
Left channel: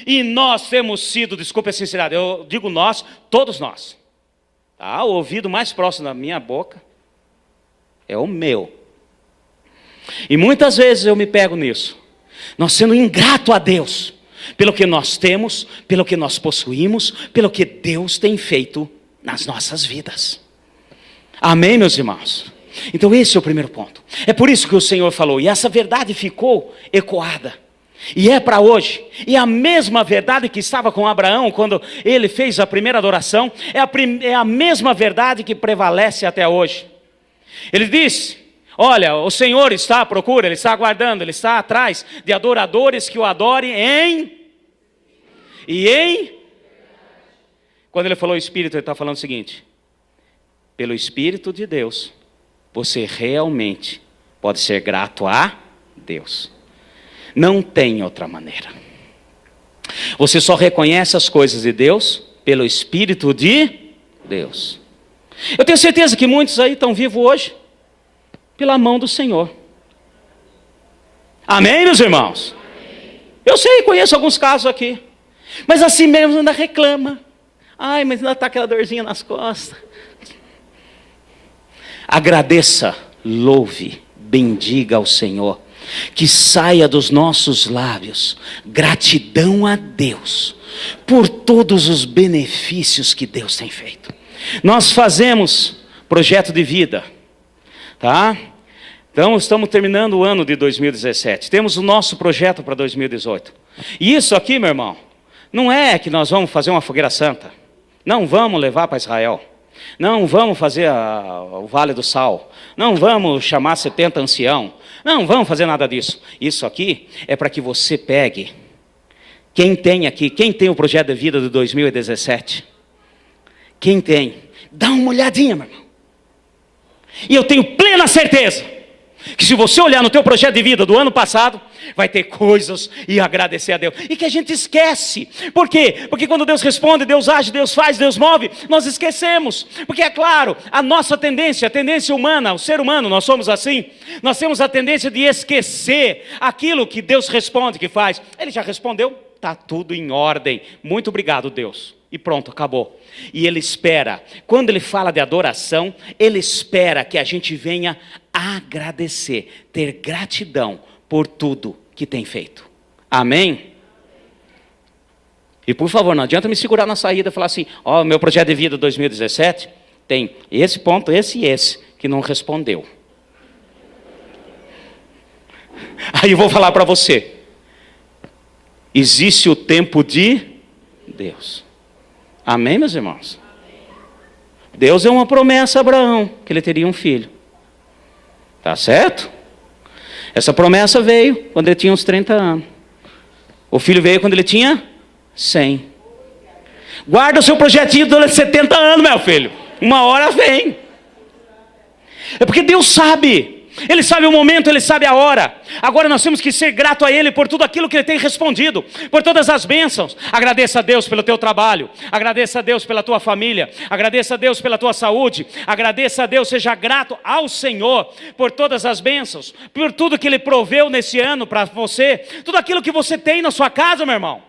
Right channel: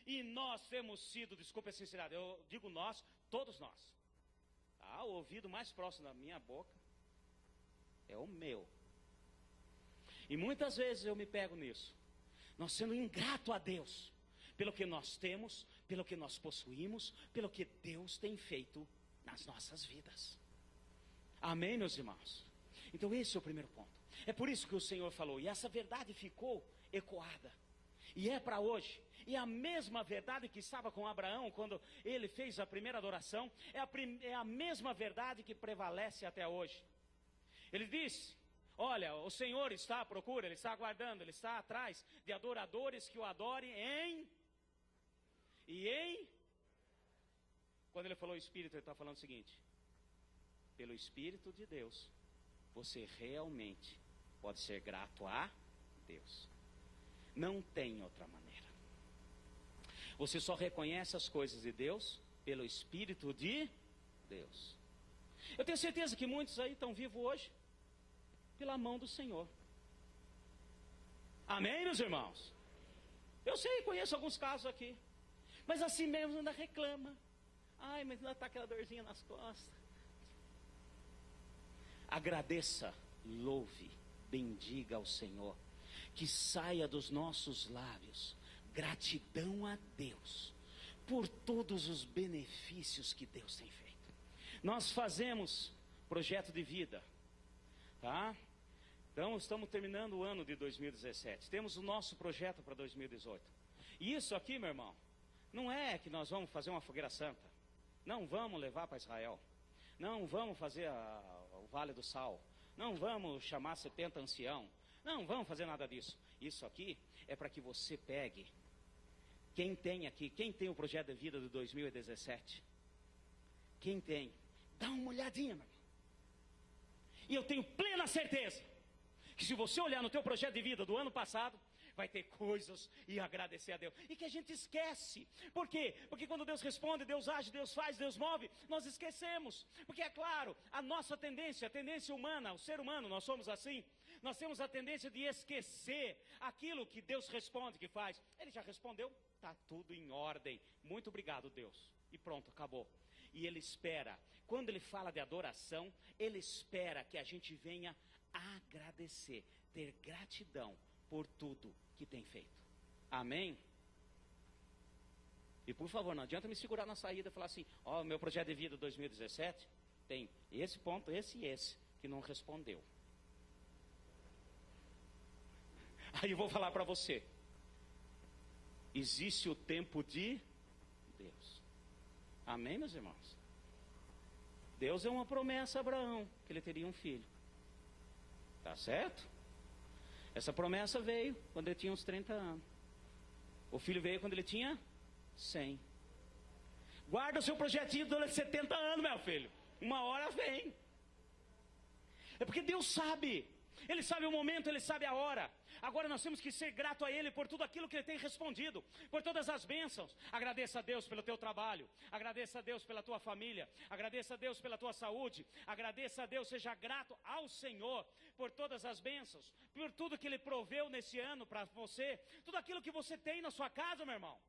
E nós temos sido, desculpe a sinceridade, eu digo nós, todos nós. Tá? O ouvido mais próximo da minha boca é o meu. E muitas vezes eu me pego nisso. Nós sendo ingrato a Deus, pelo que nós temos, pelo que nós possuímos, pelo que Deus tem feito nas nossas vidas. Amém, meus irmãos? Então esse é o primeiro ponto. É por isso que o Senhor falou, e essa verdade ficou ecoada. E é para hoje, e a mesma verdade que estava com Abraão quando ele fez a primeira adoração, é a mesma verdade que prevalece até hoje. Ele disse, olha, o Senhor está à procura, Ele está aguardando, Ele está atrás de adoradores que o adorem quando Ele falou Espírito, Ele está falando o seguinte, pelo Espírito de Deus, você realmente pode ser grato a Deus. Não tem outra maneira. Você só reconhece as coisas de Deus pelo Espírito de Deus. Eu tenho certeza que muitos aí estão vivos hoje pela mão do Senhor. Amém, meus irmãos? Eu sei, conheço alguns casos aqui. Mas assim mesmo ainda reclama. Ai, mas ainda está aquela dorzinha nas costas. Agradeça, louve, bendiga ao Senhor. Que saia dos nossos lábios gratidão a Deus por todos os benefícios que Deus tem feito. Nós fazemos projeto de vida, tá? Então estamos terminando o ano de 2017. Temos o nosso projeto para 2018. E isso aqui, meu irmão, não é que nós vamos fazer uma fogueira santa. Não vamos levar para Israel. Não vamos fazer o Vale do Sal. Não vamos chamar 70 ancião. Não vamos fazer nada disso. Isso aqui é para que você pegue. Quem tem aqui, quem tem o projeto de vida de 2017? Quem tem? Dá uma olhadinha, meu irmão. E eu tenho plena certeza que se você olhar no teu projeto de vida do ano passado, vai ter coisas e agradecer a Deus. E que a gente esquece. Por quê? Porque quando Deus responde, Deus age, Deus faz, Deus move, nós esquecemos. Porque é claro, a nossa tendência, a tendência humana, o ser humano, nós somos assim. Nós temos a tendência de esquecer aquilo que Deus responde, que faz. Ele já respondeu, está tudo em ordem. Muito obrigado, Deus. E pronto, acabou. E Ele espera, quando Ele fala de adoração, Ele espera que a gente venha agradecer, ter gratidão por tudo que tem feito. Amém? E por favor, não adianta me segurar na saída e falar assim, ó, meu projeto de vida 2017 tem esse ponto, esse e esse, que não respondeu. Aí eu vou falar para você, existe o tempo de Deus. Amém, meus irmãos? Deus deu uma promessa a Abraão, que ele teria um filho. Tá certo? Essa promessa veio quando ele tinha uns 30 anos. O filho veio quando ele tinha 100. Guarda o seu projetinho durante 70 anos, meu filho. Uma hora vem. É porque Deus sabe. Ele sabe o momento, Ele sabe a hora. Agora nós temos que ser grato a Ele por tudo aquilo que Ele tem respondido, por todas as bênçãos. Agradeça a Deus pelo teu trabalho, agradeça a Deus pela tua família, agradeça a Deus pela tua saúde, agradeça a Deus, seja grato ao Senhor por todas as bênçãos, por tudo que Ele proveu nesse ano para você, tudo aquilo que você tem na sua casa, meu irmão.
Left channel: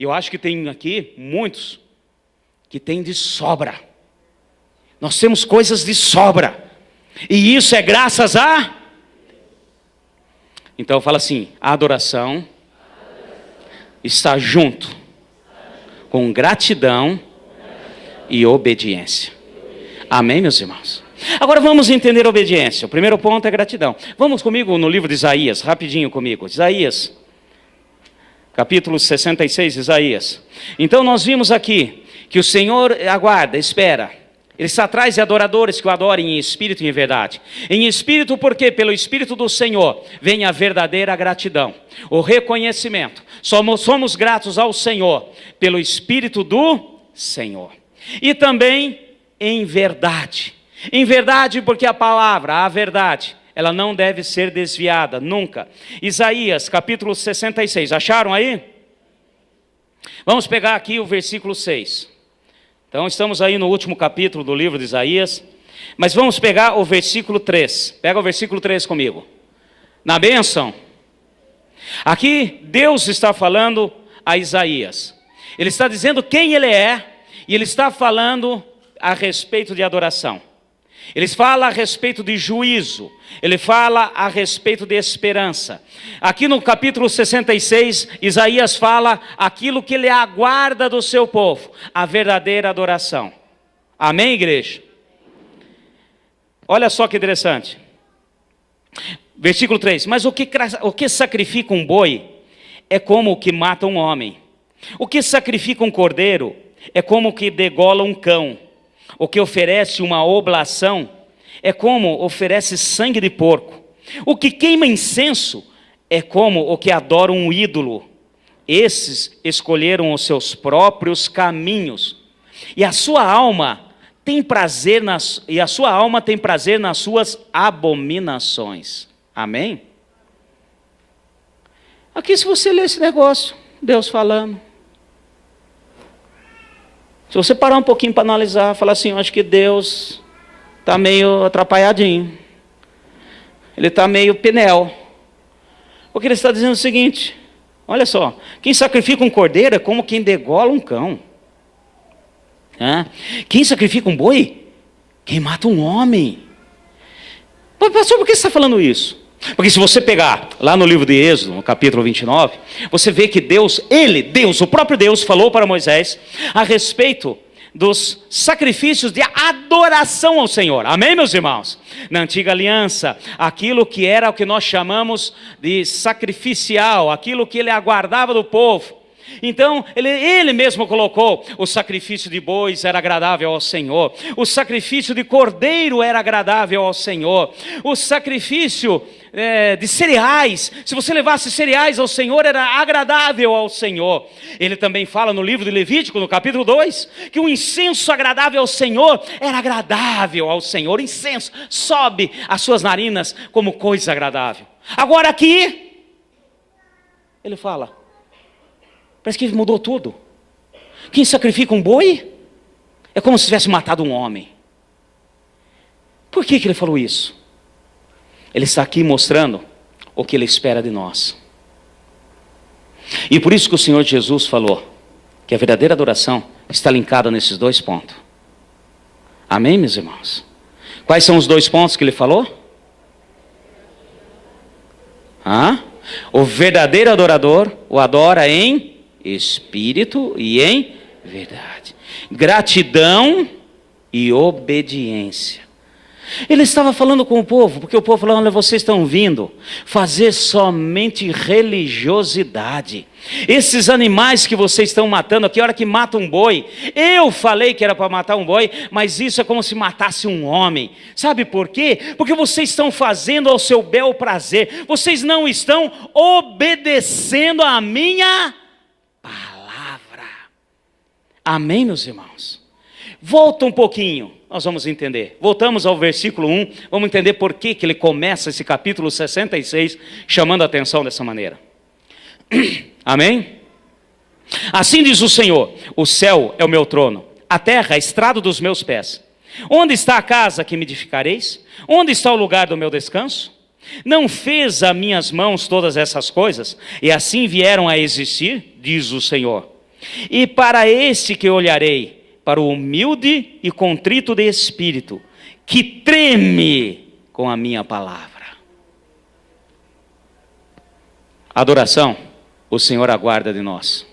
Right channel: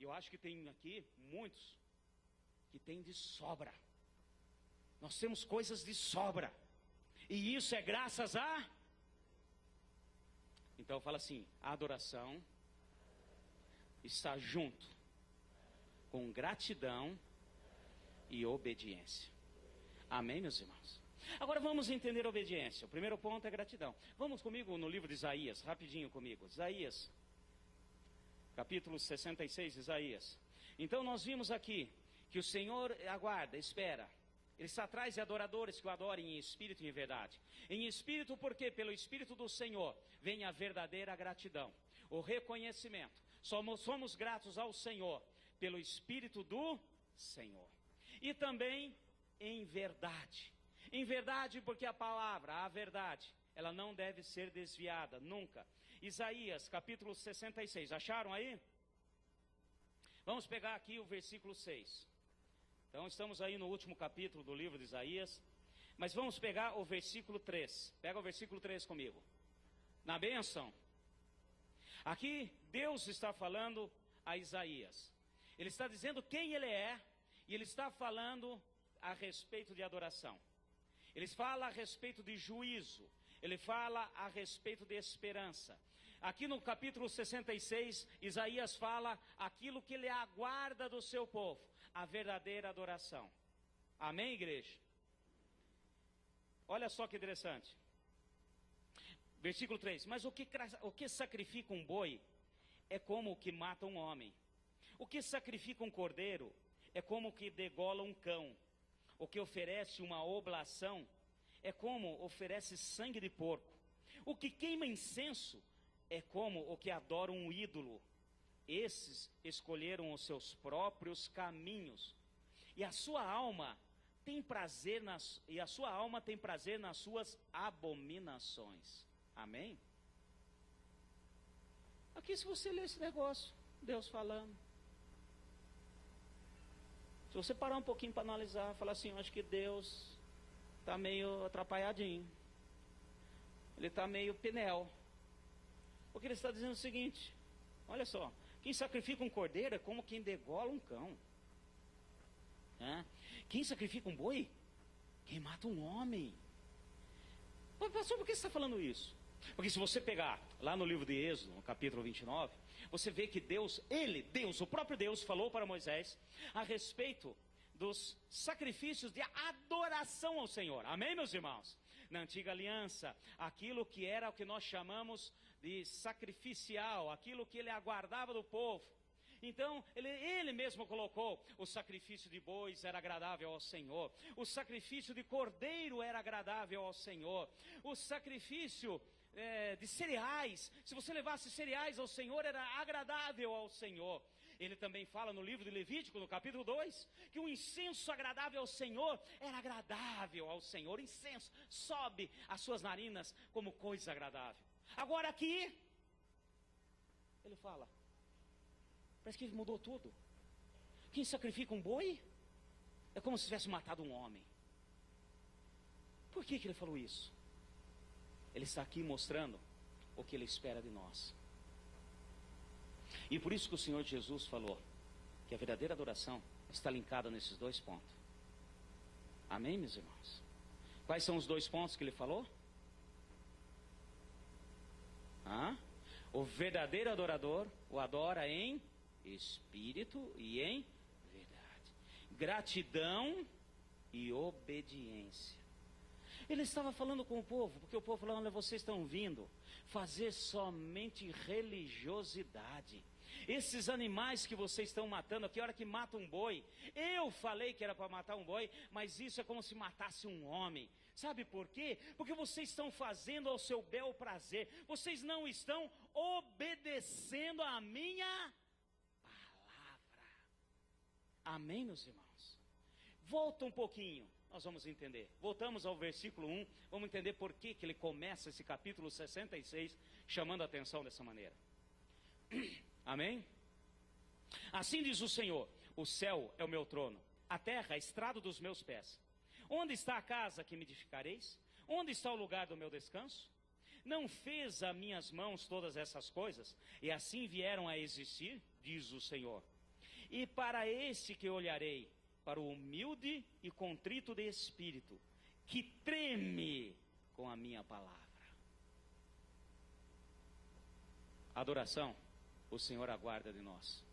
Eu acho que tem aqui muitos que tem de sobra. Nós temos coisas de sobra. E isso é graças a... Então fala assim, a adoração está junto com gratidão e obediência. Amém, meus irmãos? Agora vamos entender a obediência. O primeiro ponto é gratidão. Vamos comigo no livro de Isaías, rapidinho comigo. Isaías, capítulo 66, Isaías. Então nós vimos aqui que o Senhor aguarda, espera. Ele está atrás de adoradores que o adorem em espírito e em verdade. Em espírito, porque pelo Espírito do Senhor vem a verdadeira gratidão, o reconhecimento. Somos gratos ao Senhor pelo Espírito do Senhor. E também em verdade. Em verdade, porque a palavra, a verdade, ela não deve ser desviada, nunca. Isaías, capítulo 66. Acharam aí? Vamos pegar aqui o versículo 6. Então estamos aí no último capítulo do livro de Isaías, mas vamos pegar o versículo 3, pega o versículo 3 comigo, na bênção, aqui Deus está falando a Isaías, Ele está dizendo quem Ele é, e Ele está falando a respeito de adoração, Ele fala a respeito de juízo, Ele fala a respeito de esperança. Aqui no capítulo 66, Isaías fala aquilo que Ele aguarda do seu povo, a verdadeira adoração. Amém, igreja? Olha só que interessante. Versículo 3, mas o que sacrifica um boi é como o que mata um homem. O que sacrifica um cordeiro é como o que degola um cão. O que oferece uma oblação é como oferece sangue de porco. O que queima incenso é como o que adora um ídolo. Esses escolheram os seus próprios caminhos, e a sua alma tem prazer nas suas abominações. Amém? Aqui, se você ler esse negócio, Deus falando, se você parar um pouquinho para analisar, falar assim, eu acho que Deus está meio atrapalhadinho. Ele está meio pinel. Porque ele está dizendo o seguinte, olha só, quem sacrifica um cordeiro é como quem degola um cão. Quem sacrifica um boi, quem mata um homem. Pastor, por que você está falando isso? Porque se você pegar lá no livro de Êxodo, no capítulo 29, você vê que Deus, o próprio Deus falou para Moisés a respeito dos sacrifícios de adoração ao Senhor. Amém, meus irmãos? Na antiga aliança, aquilo que era o que nós chamamos de sacrificial, aquilo que ele aguardava do povo. Então, ele mesmo colocou, o sacrifício de bois era agradável ao Senhor, o sacrifício de cordeiro era agradável ao Senhor, o sacrifício de cereais, se você levasse cereais ao Senhor, era agradável ao Senhor. Ele também fala no livro de Levítico, no capítulo 2, que o incenso agradável ao Senhor era agradável ao Senhor. O incenso sobe as suas narinas como coisa agradável. Agora aqui, ele fala, parece que mudou tudo. Quem sacrifica um boi é como se tivesse matado um homem. Por que ele falou isso? Ele está aqui mostrando o que ele espera de nós. E por isso que o Senhor Jesus falou que a verdadeira adoração está linkada nesses dois pontos. Amém, meus irmãos? Quais são os dois pontos que ele falou? O verdadeiro adorador o adora em espírito e em verdade. Gratidão e obediência. Ele estava falando com o povo, porque o povo falou: olha, vocês estão vindo fazer somente religiosidade. Esses animais que vocês estão matando aqui, a hora que mata um boi, eu falei que era para matar um boi, mas isso é como se matasse um homem. Sabe por quê? Porque vocês estão fazendo ao seu bel prazer, vocês não estão obedecendo a minha palavra. Amém, meus irmãos? Volta um pouquinho, nós vamos entender. Voltamos ao versículo 1, vamos entender por que ele começa esse capítulo 66, chamando a atenção dessa maneira. Amém? Assim diz o Senhor: o céu é o meu trono, a terra é estrado dos meus pés. Onde está a casa que me edificareis? Onde está o lugar do meu descanso? Não fez a minhas mãos todas essas coisas, e assim vieram a existir, diz o Senhor. E para esse que olharei, para o humilde e contrito de espírito, que treme com a minha palavra. Adoração, o Senhor aguarda de nós.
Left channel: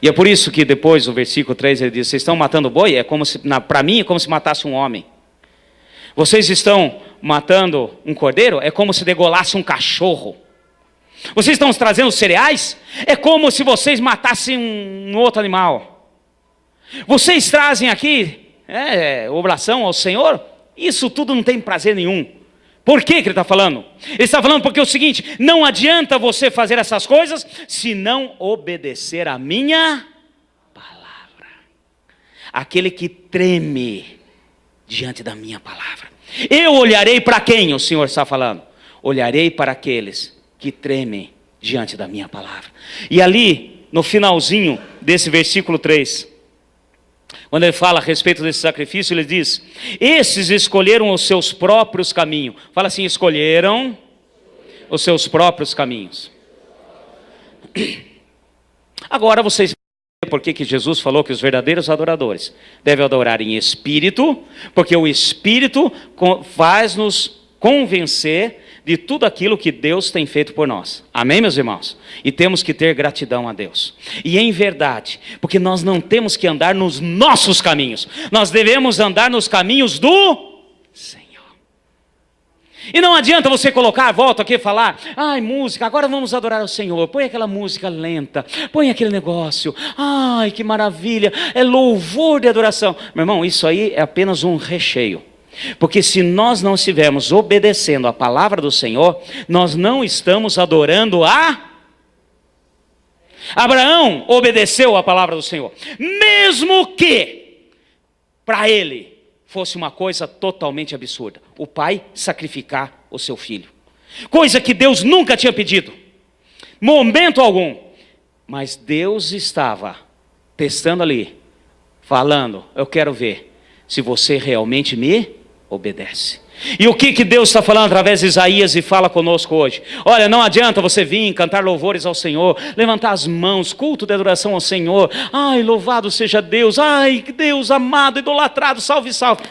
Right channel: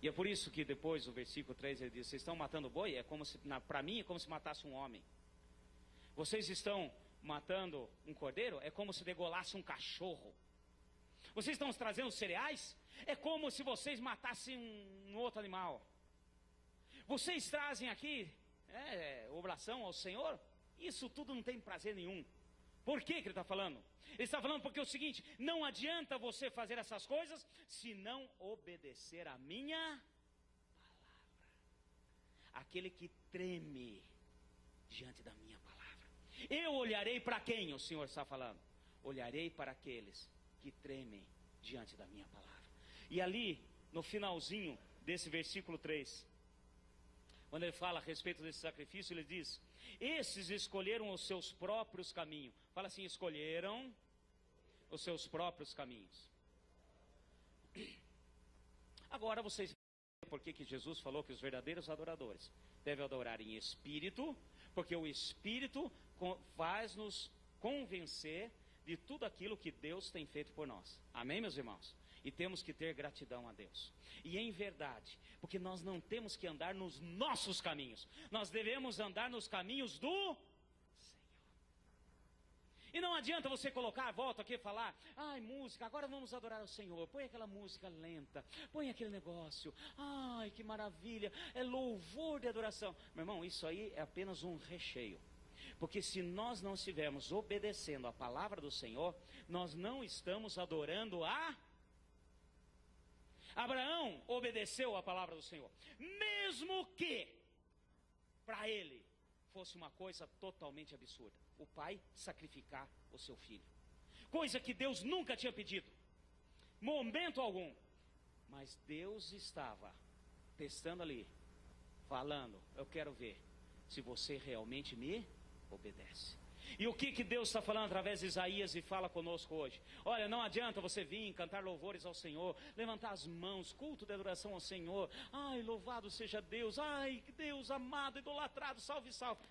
E é por isso que depois, o versículo 3, ele diz: vocês estão matando boi? É como se, para mim, é como se matasse um homem. Vocês estão matando um cordeiro? É como se degolasse um cachorro. Vocês estão trazendo cereais? É como se vocês matassem um outro animal. Vocês trazem aqui oblação ao Senhor? Isso tudo não tem prazer nenhum. Por que ele está falando? Ele está falando porque é o seguinte: não adianta você fazer essas coisas se não obedecer a minha palavra. Aquele que treme diante da minha palavra. Eu olharei para quem o Senhor está falando? Olharei para aqueles que tremem diante da minha palavra. E ali, no finalzinho desse versículo 3, quando ele fala a respeito desse sacrifício, ele diz: esses escolheram os seus próprios caminhos. Fala assim: escolheram os seus próprios caminhos. Agora vocês vão ver por que Jesus falou que os verdadeiros adoradores devem adorar em espírito, porque o espírito faz-nos convencer de tudo aquilo que Deus tem feito por nós. Amém, meus irmãos? E temos que ter gratidão a Deus. E em verdade, porque nós não temos que andar nos nossos caminhos, nós devemos andar nos caminhos do Senhor. E não adianta você colocar, volto aqui a falar: ai, música, agora vamos adorar o Senhor. Põe aquela música lenta, põe aquele negócio, ai, que maravilha, é louvor de adoração. Meu irmão, isso aí é apenas um recheio. Porque se nós não estivermos obedecendo a palavra do Senhor, nós não estamos adorando a... Abraão obedeceu a palavra do Senhor, mesmo que para ele fosse uma coisa totalmente absurda: o pai sacrificar o seu filho, coisa que Deus nunca tinha pedido, momento algum. Mas Deus estava testando ali, falando: eu quero ver se você realmente me obedece. E o que Deus está falando através de Isaías e fala conosco hoje? Olha, não adianta você vir cantar louvores ao Senhor, levantar as mãos, culto de adoração ao Senhor. Ai, louvado seja Deus, ai, Deus amado, idolatrado, salve, salve.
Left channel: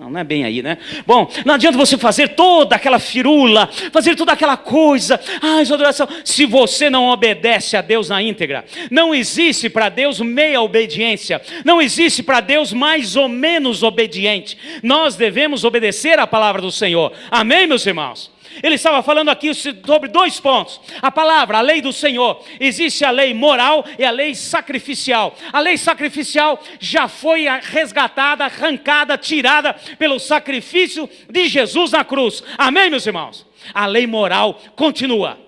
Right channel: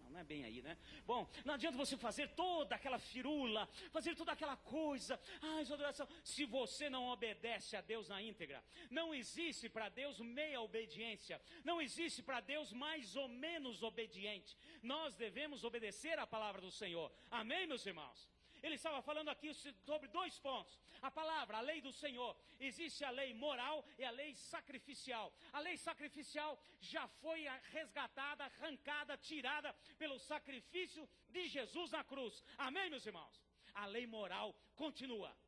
Não é bem aí, né? Bom, não adianta você fazer toda aquela firula, fazer toda aquela coisa, adoração, se você não obedece a Deus na íntegra. Não existe para Deus meia obediência, não existe para Deus mais ou menos obediente. Nós devemos obedecer a palavra do Senhor. Amém, meus irmãos? Ele estava falando aqui sobre dois pontos: a palavra, a lei do Senhor. Existe a lei moral e a lei sacrificial. A lei sacrificial já foi resgatada, arrancada, tirada pelo sacrifício de Jesus na cruz. Amém, meus irmãos? A lei moral continua.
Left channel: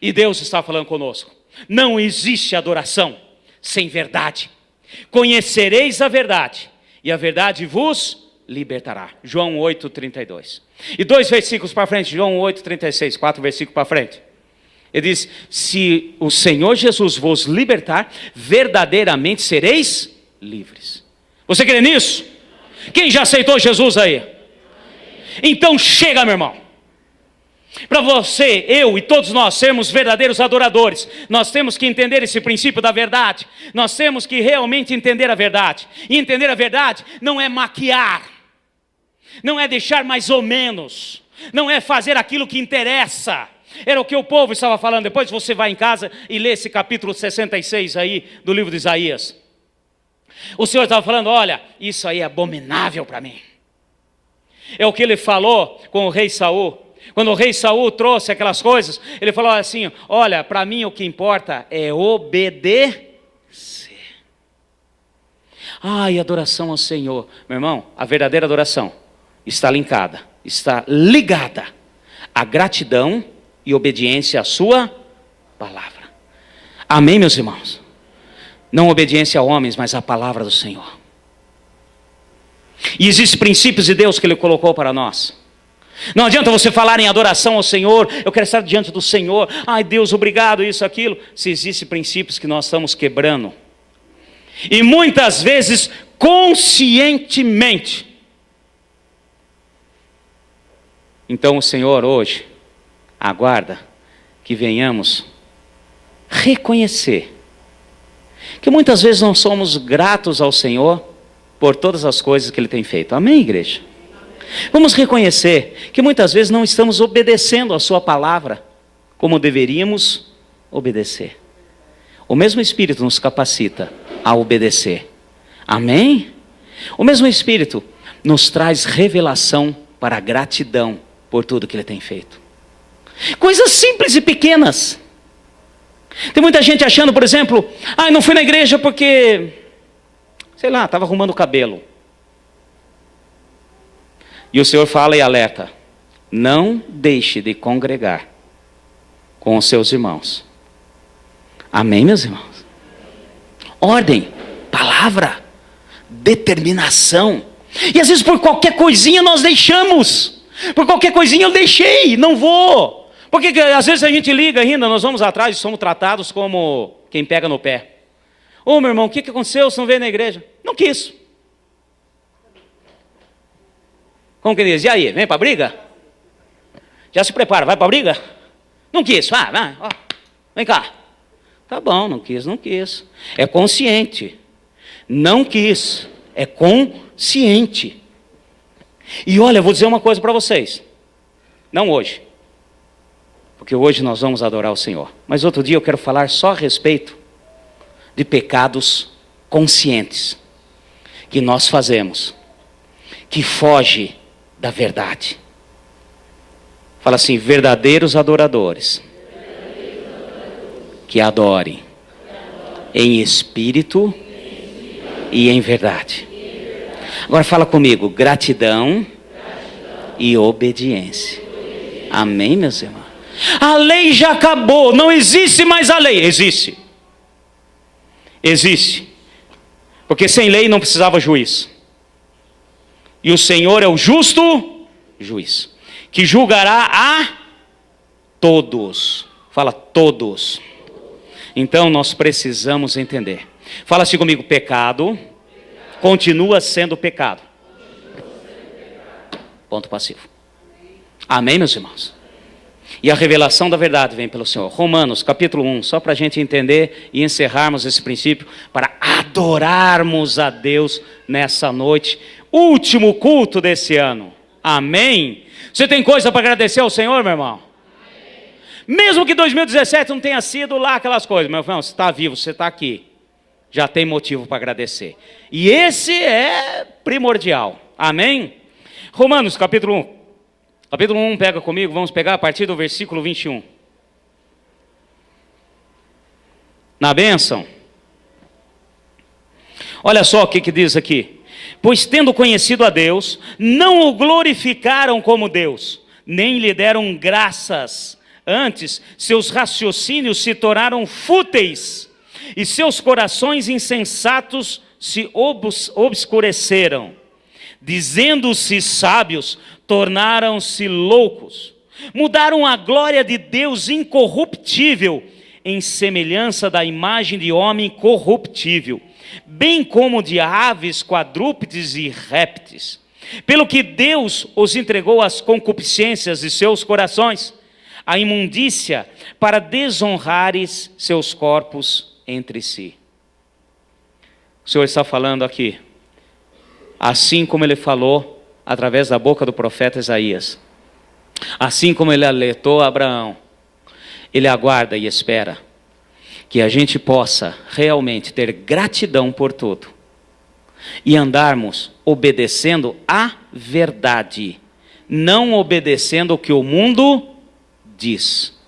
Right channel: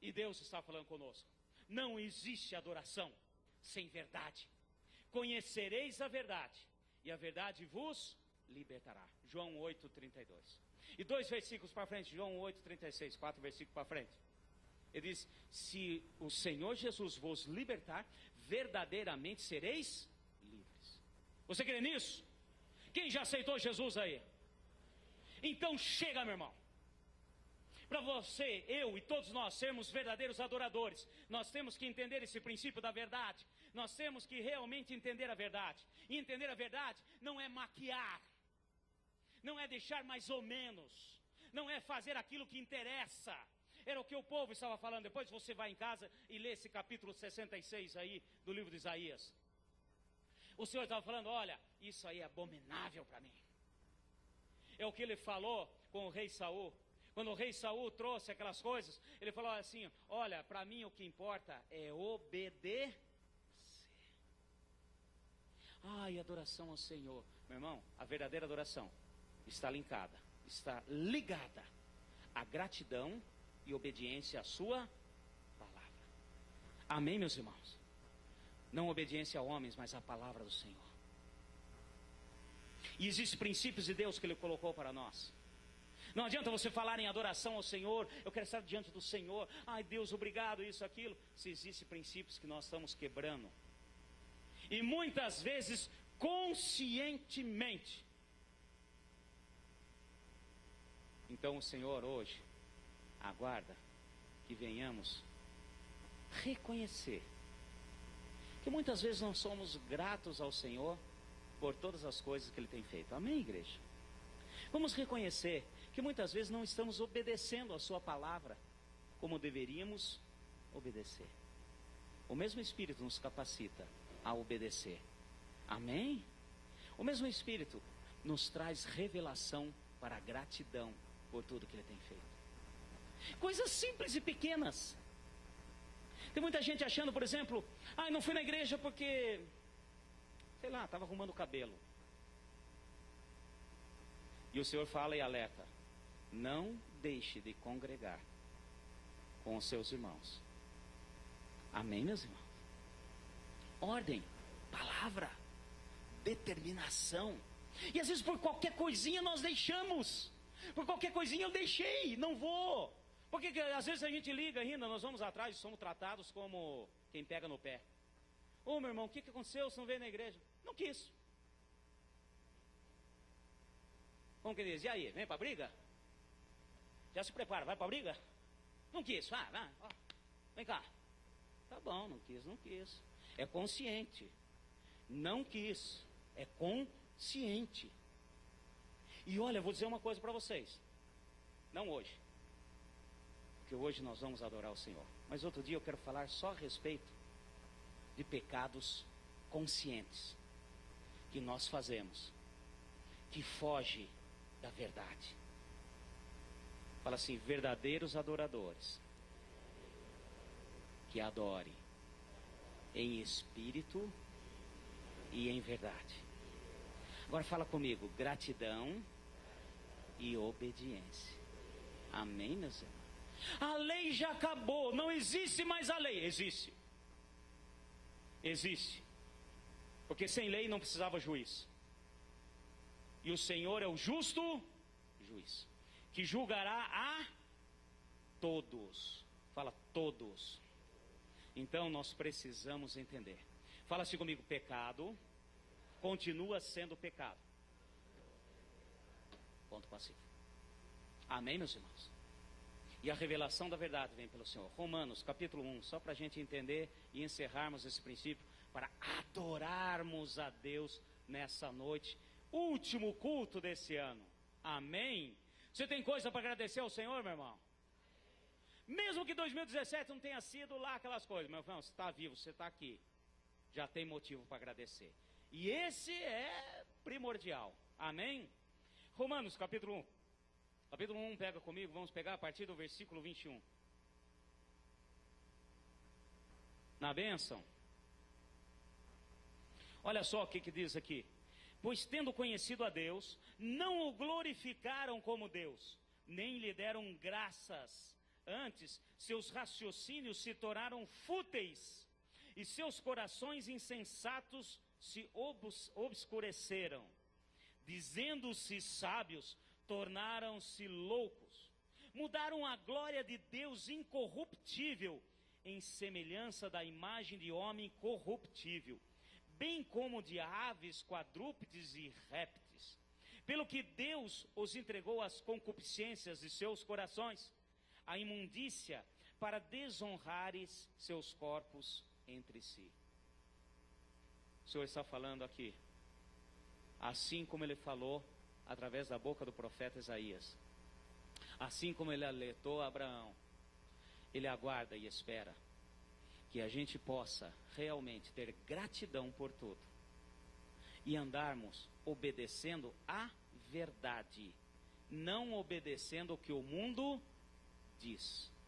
E Deus está falando conosco: não existe adoração sem verdade. Conhecereis a verdade, e a verdade vos libertará. João 8:32. E 2 versículos para frente, João 8:36, 4 versículos para frente. Ele diz: se o Senhor Jesus vos libertar, verdadeiramente sereis livres. Você crê nisso? Quem já aceitou Jesus aí? Então chega, meu irmão. Para você, eu e todos nós sermos verdadeiros adoradores, nós temos que entender esse princípio da verdade. Nós temos que realmente entender a verdade. E entender a verdade não é maquiar, não é deixar mais ou menos, não é fazer aquilo que interessa. Era o que o povo estava falando. Depois você vai em casa e lê esse capítulo 66 aí do livro de Isaías. O Senhor estava falando, olha, isso aí é abominável para mim. É o que ele falou com o rei Saul. Quando o rei Saul trouxe aquelas coisas, ele falou assim, olha, para mim o que importa é obedecer. Ai, adoração ao Senhor. Meu irmão, a verdadeira adoração está ligada à gratidão e obediência à sua palavra. Amém, meus irmãos? Não obediência a homens, mas à palavra do Senhor. E existem princípios de Deus que Ele colocou para nós. Não adianta você falar em adoração ao Senhor, eu quero estar diante do Senhor, ai Deus, obrigado, isso, aquilo, se existem princípios que nós estamos quebrando. E muitas vezes, conscientemente. Então o Senhor hoje aguarda que venhamos reconhecer que muitas vezes não somos gratos ao Senhor por todas as coisas que Ele tem feito. Amém, igreja? Vamos reconhecer que muitas vezes não estamos obedecendo a sua palavra como deveríamos obedecer. O mesmo Espírito nos capacita a obedecer. Amém? O mesmo Espírito nos traz revelação para a gratidão por tudo que Ele tem feito. Coisas simples e pequenas. Tem muita gente achando, por exemplo, não fui na igreja porque, sei lá, estava arrumando o cabelo. E o Senhor fala e alerta, não deixe de congregar com os seus irmãos. Amém, meus irmãos? Ordem, palavra, determinação. E às vezes por qualquer coisinha nós deixamos. Por qualquer coisinha eu deixei, não vou. Porque às vezes a gente liga ainda, nós vamos atrás e somos tratados como quem pega no pé. Ô meu irmão, o que aconteceu? Você não veio na igreja? Não quis. Como que diz? E aí, vem para a briga? Já se prepara, vai para a briga? Não quis, vai, ó, vem cá. Tá bom, não quis. É consciente. Não quis, é consciente. E olha, eu vou dizer uma coisa para vocês. Não hoje. Porque hoje nós vamos adorar o Senhor. Mas outro dia eu quero falar só a respeito de pecados conscientes que nós fazemos, que foge da verdade. Fala assim, verdadeiros adoradores que adorem em espírito e em verdade. Agora fala comigo, gratidão e obediência. Amém, meus irmãos? A lei já acabou, não existe mais a lei. Existe. Porque sem lei não precisava juiz. E o Senhor é o justo juiz, que julgará a todos. Fala todos. Então nós precisamos entender. Fala assim comigo, pecado continua sendo pecado. Ponto passivo. Amém, meus irmãos? E a revelação da verdade vem pelo Senhor. Romanos, capítulo 1, só para a gente entender e encerrarmos esse princípio, para adorarmos a Deus nessa noite, último culto desse ano. Amém? Você tem coisa para agradecer ao Senhor, meu irmão? Amém. Mesmo que 2017 não tenha sido lá aquelas coisas, meu irmão, você está vivo, você está aqui, já tem motivo para agradecer. E esse é primordial. Amém? Romanos, capítulo 1. Capítulo 1, pega comigo, vamos pegar a partir do versículo 21. Na bênção. Olha só o que diz aqui. Pois tendo conhecido a Deus, não o glorificaram como Deus, nem lhe deram graças. Antes, seus raciocínios se tornaram fúteis, e seus corações insensatos se obscureceram. Dizendo-se sábios, tornaram-se loucos, mudaram a glória de Deus incorruptível em semelhança da imagem de homem corruptível, bem como de aves, quadrúpedes e répteis. Pelo que Deus os entregou às concupiscências de seus corações, a imundícia, para desonrares seus corpos entre si. O Senhor está falando aqui, assim como Ele falou através da boca do profeta Isaías, assim como Ele alertou a Abraão, Ele aguarda e espera que a gente possa realmente ter gratidão por tudo e andarmos obedecendo a verdade, não obedecendo o que o mundo diz.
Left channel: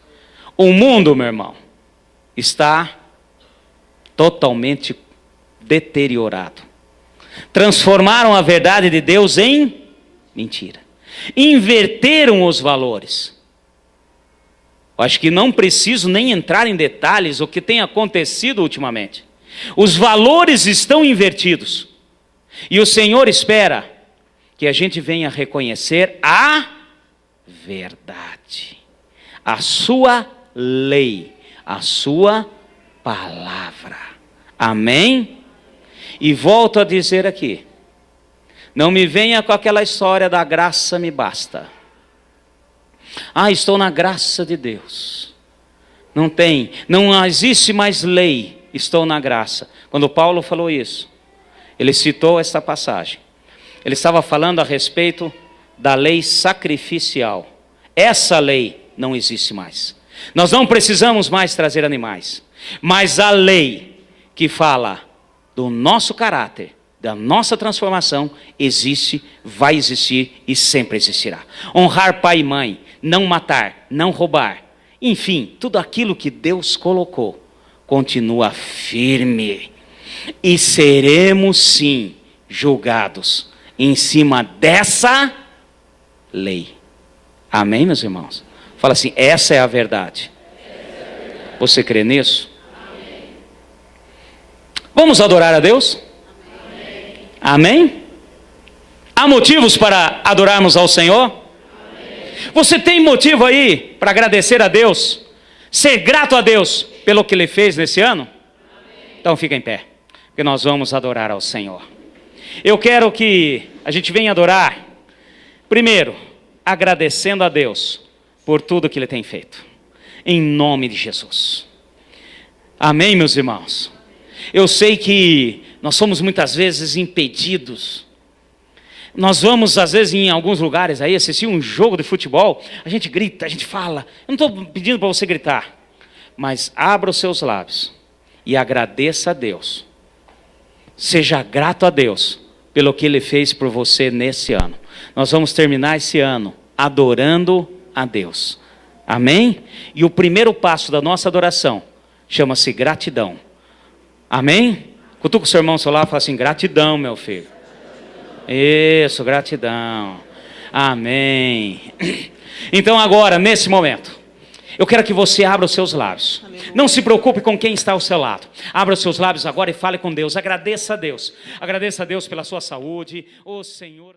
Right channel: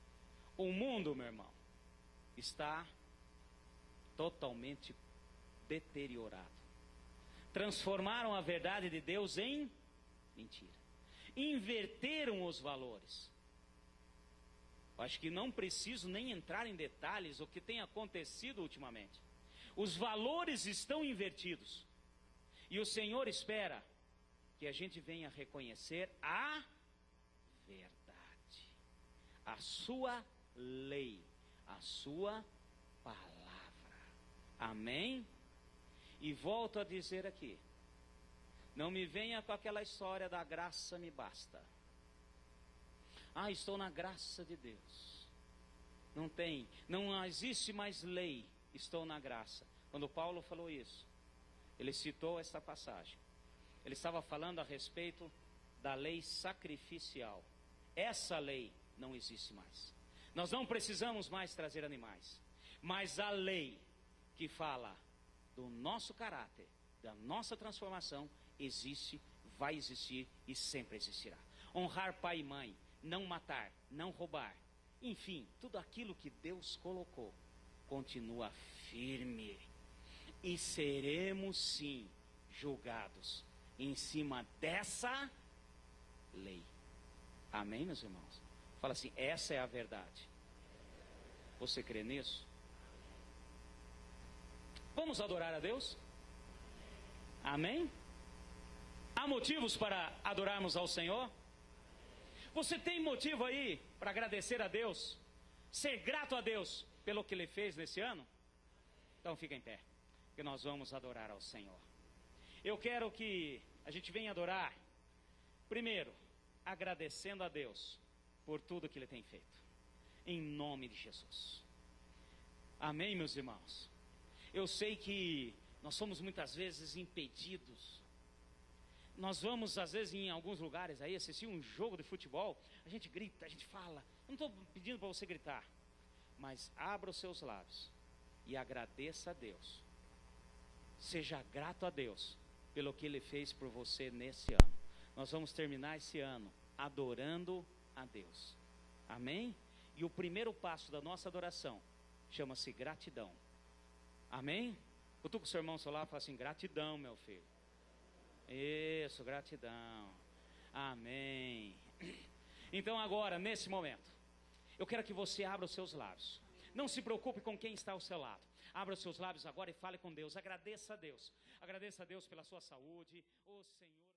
O mundo, meu irmão, está totalmente deteriorado. Transformaram a verdade de Deus em mentira. Inverteram os valores. Acho que não preciso nem entrar em detalhes o que tem acontecido ultimamente. Os valores estão invertidos. E o Senhor espera que a gente venha reconhecer a verdade, a sua lei, a sua palavra. Amém? E volto a dizer aqui, não me venha com aquela história da graça me basta. Estou na graça de Deus. Não existe mais lei, estou na graça. Quando Paulo falou isso, ele citou essa passagem. Ele estava falando a respeito da lei sacrificial. Essa lei não existe mais. Nós não precisamos mais trazer animais. Mas a lei que fala do nosso caráter, da nossa transformação, existe, vai existir e sempre existirá. Honrar pai e mãe, não matar, não roubar, enfim, tudo aquilo que Deus colocou, continua firme. E seremos sim julgados em cima dessa lei. Amém, meus irmãos? Fala assim, essa é a verdade. Você crê nisso? Amém. Vamos adorar a Deus? Amém? Há motivos para adorarmos ao Senhor? Amém. Você tem motivo aí para agradecer a Deus? Ser grato a Deus pelo que Ele fez nesse ano? Amém. Então fica em pé, porque nós vamos adorar ao Senhor. Eu quero que a gente venha adorar, primeiro, agradecendo a Deus por tudo que Ele tem feito. Em nome de Jesus. Amém, meus irmãos? Eu sei que nós somos muitas vezes impedidos. Nós vamos, às vezes, em alguns lugares aí, assistir um jogo de futebol, a gente grita, a gente fala. Eu não estou pedindo para você gritar, mas abra os seus lábios e agradeça a Deus. Seja grato a Deus pelo que Ele fez por você nesse ano. Nós vamos terminar esse ano adorando a Deus. Amém? E o primeiro passo da nossa adoração chama-se gratidão. Amém? Cutuca o seu irmão ao seu lado e fala assim, gratidão, meu filho. Isso, gratidão. Amém. Então agora, nesse momento, eu quero que você abra os seus lábios. Não se preocupe com quem está ao seu lado. Abra os seus lábios agora e fale com Deus. Agradeça a Deus. Agradeça a Deus pela sua saúde. Ô Senhor...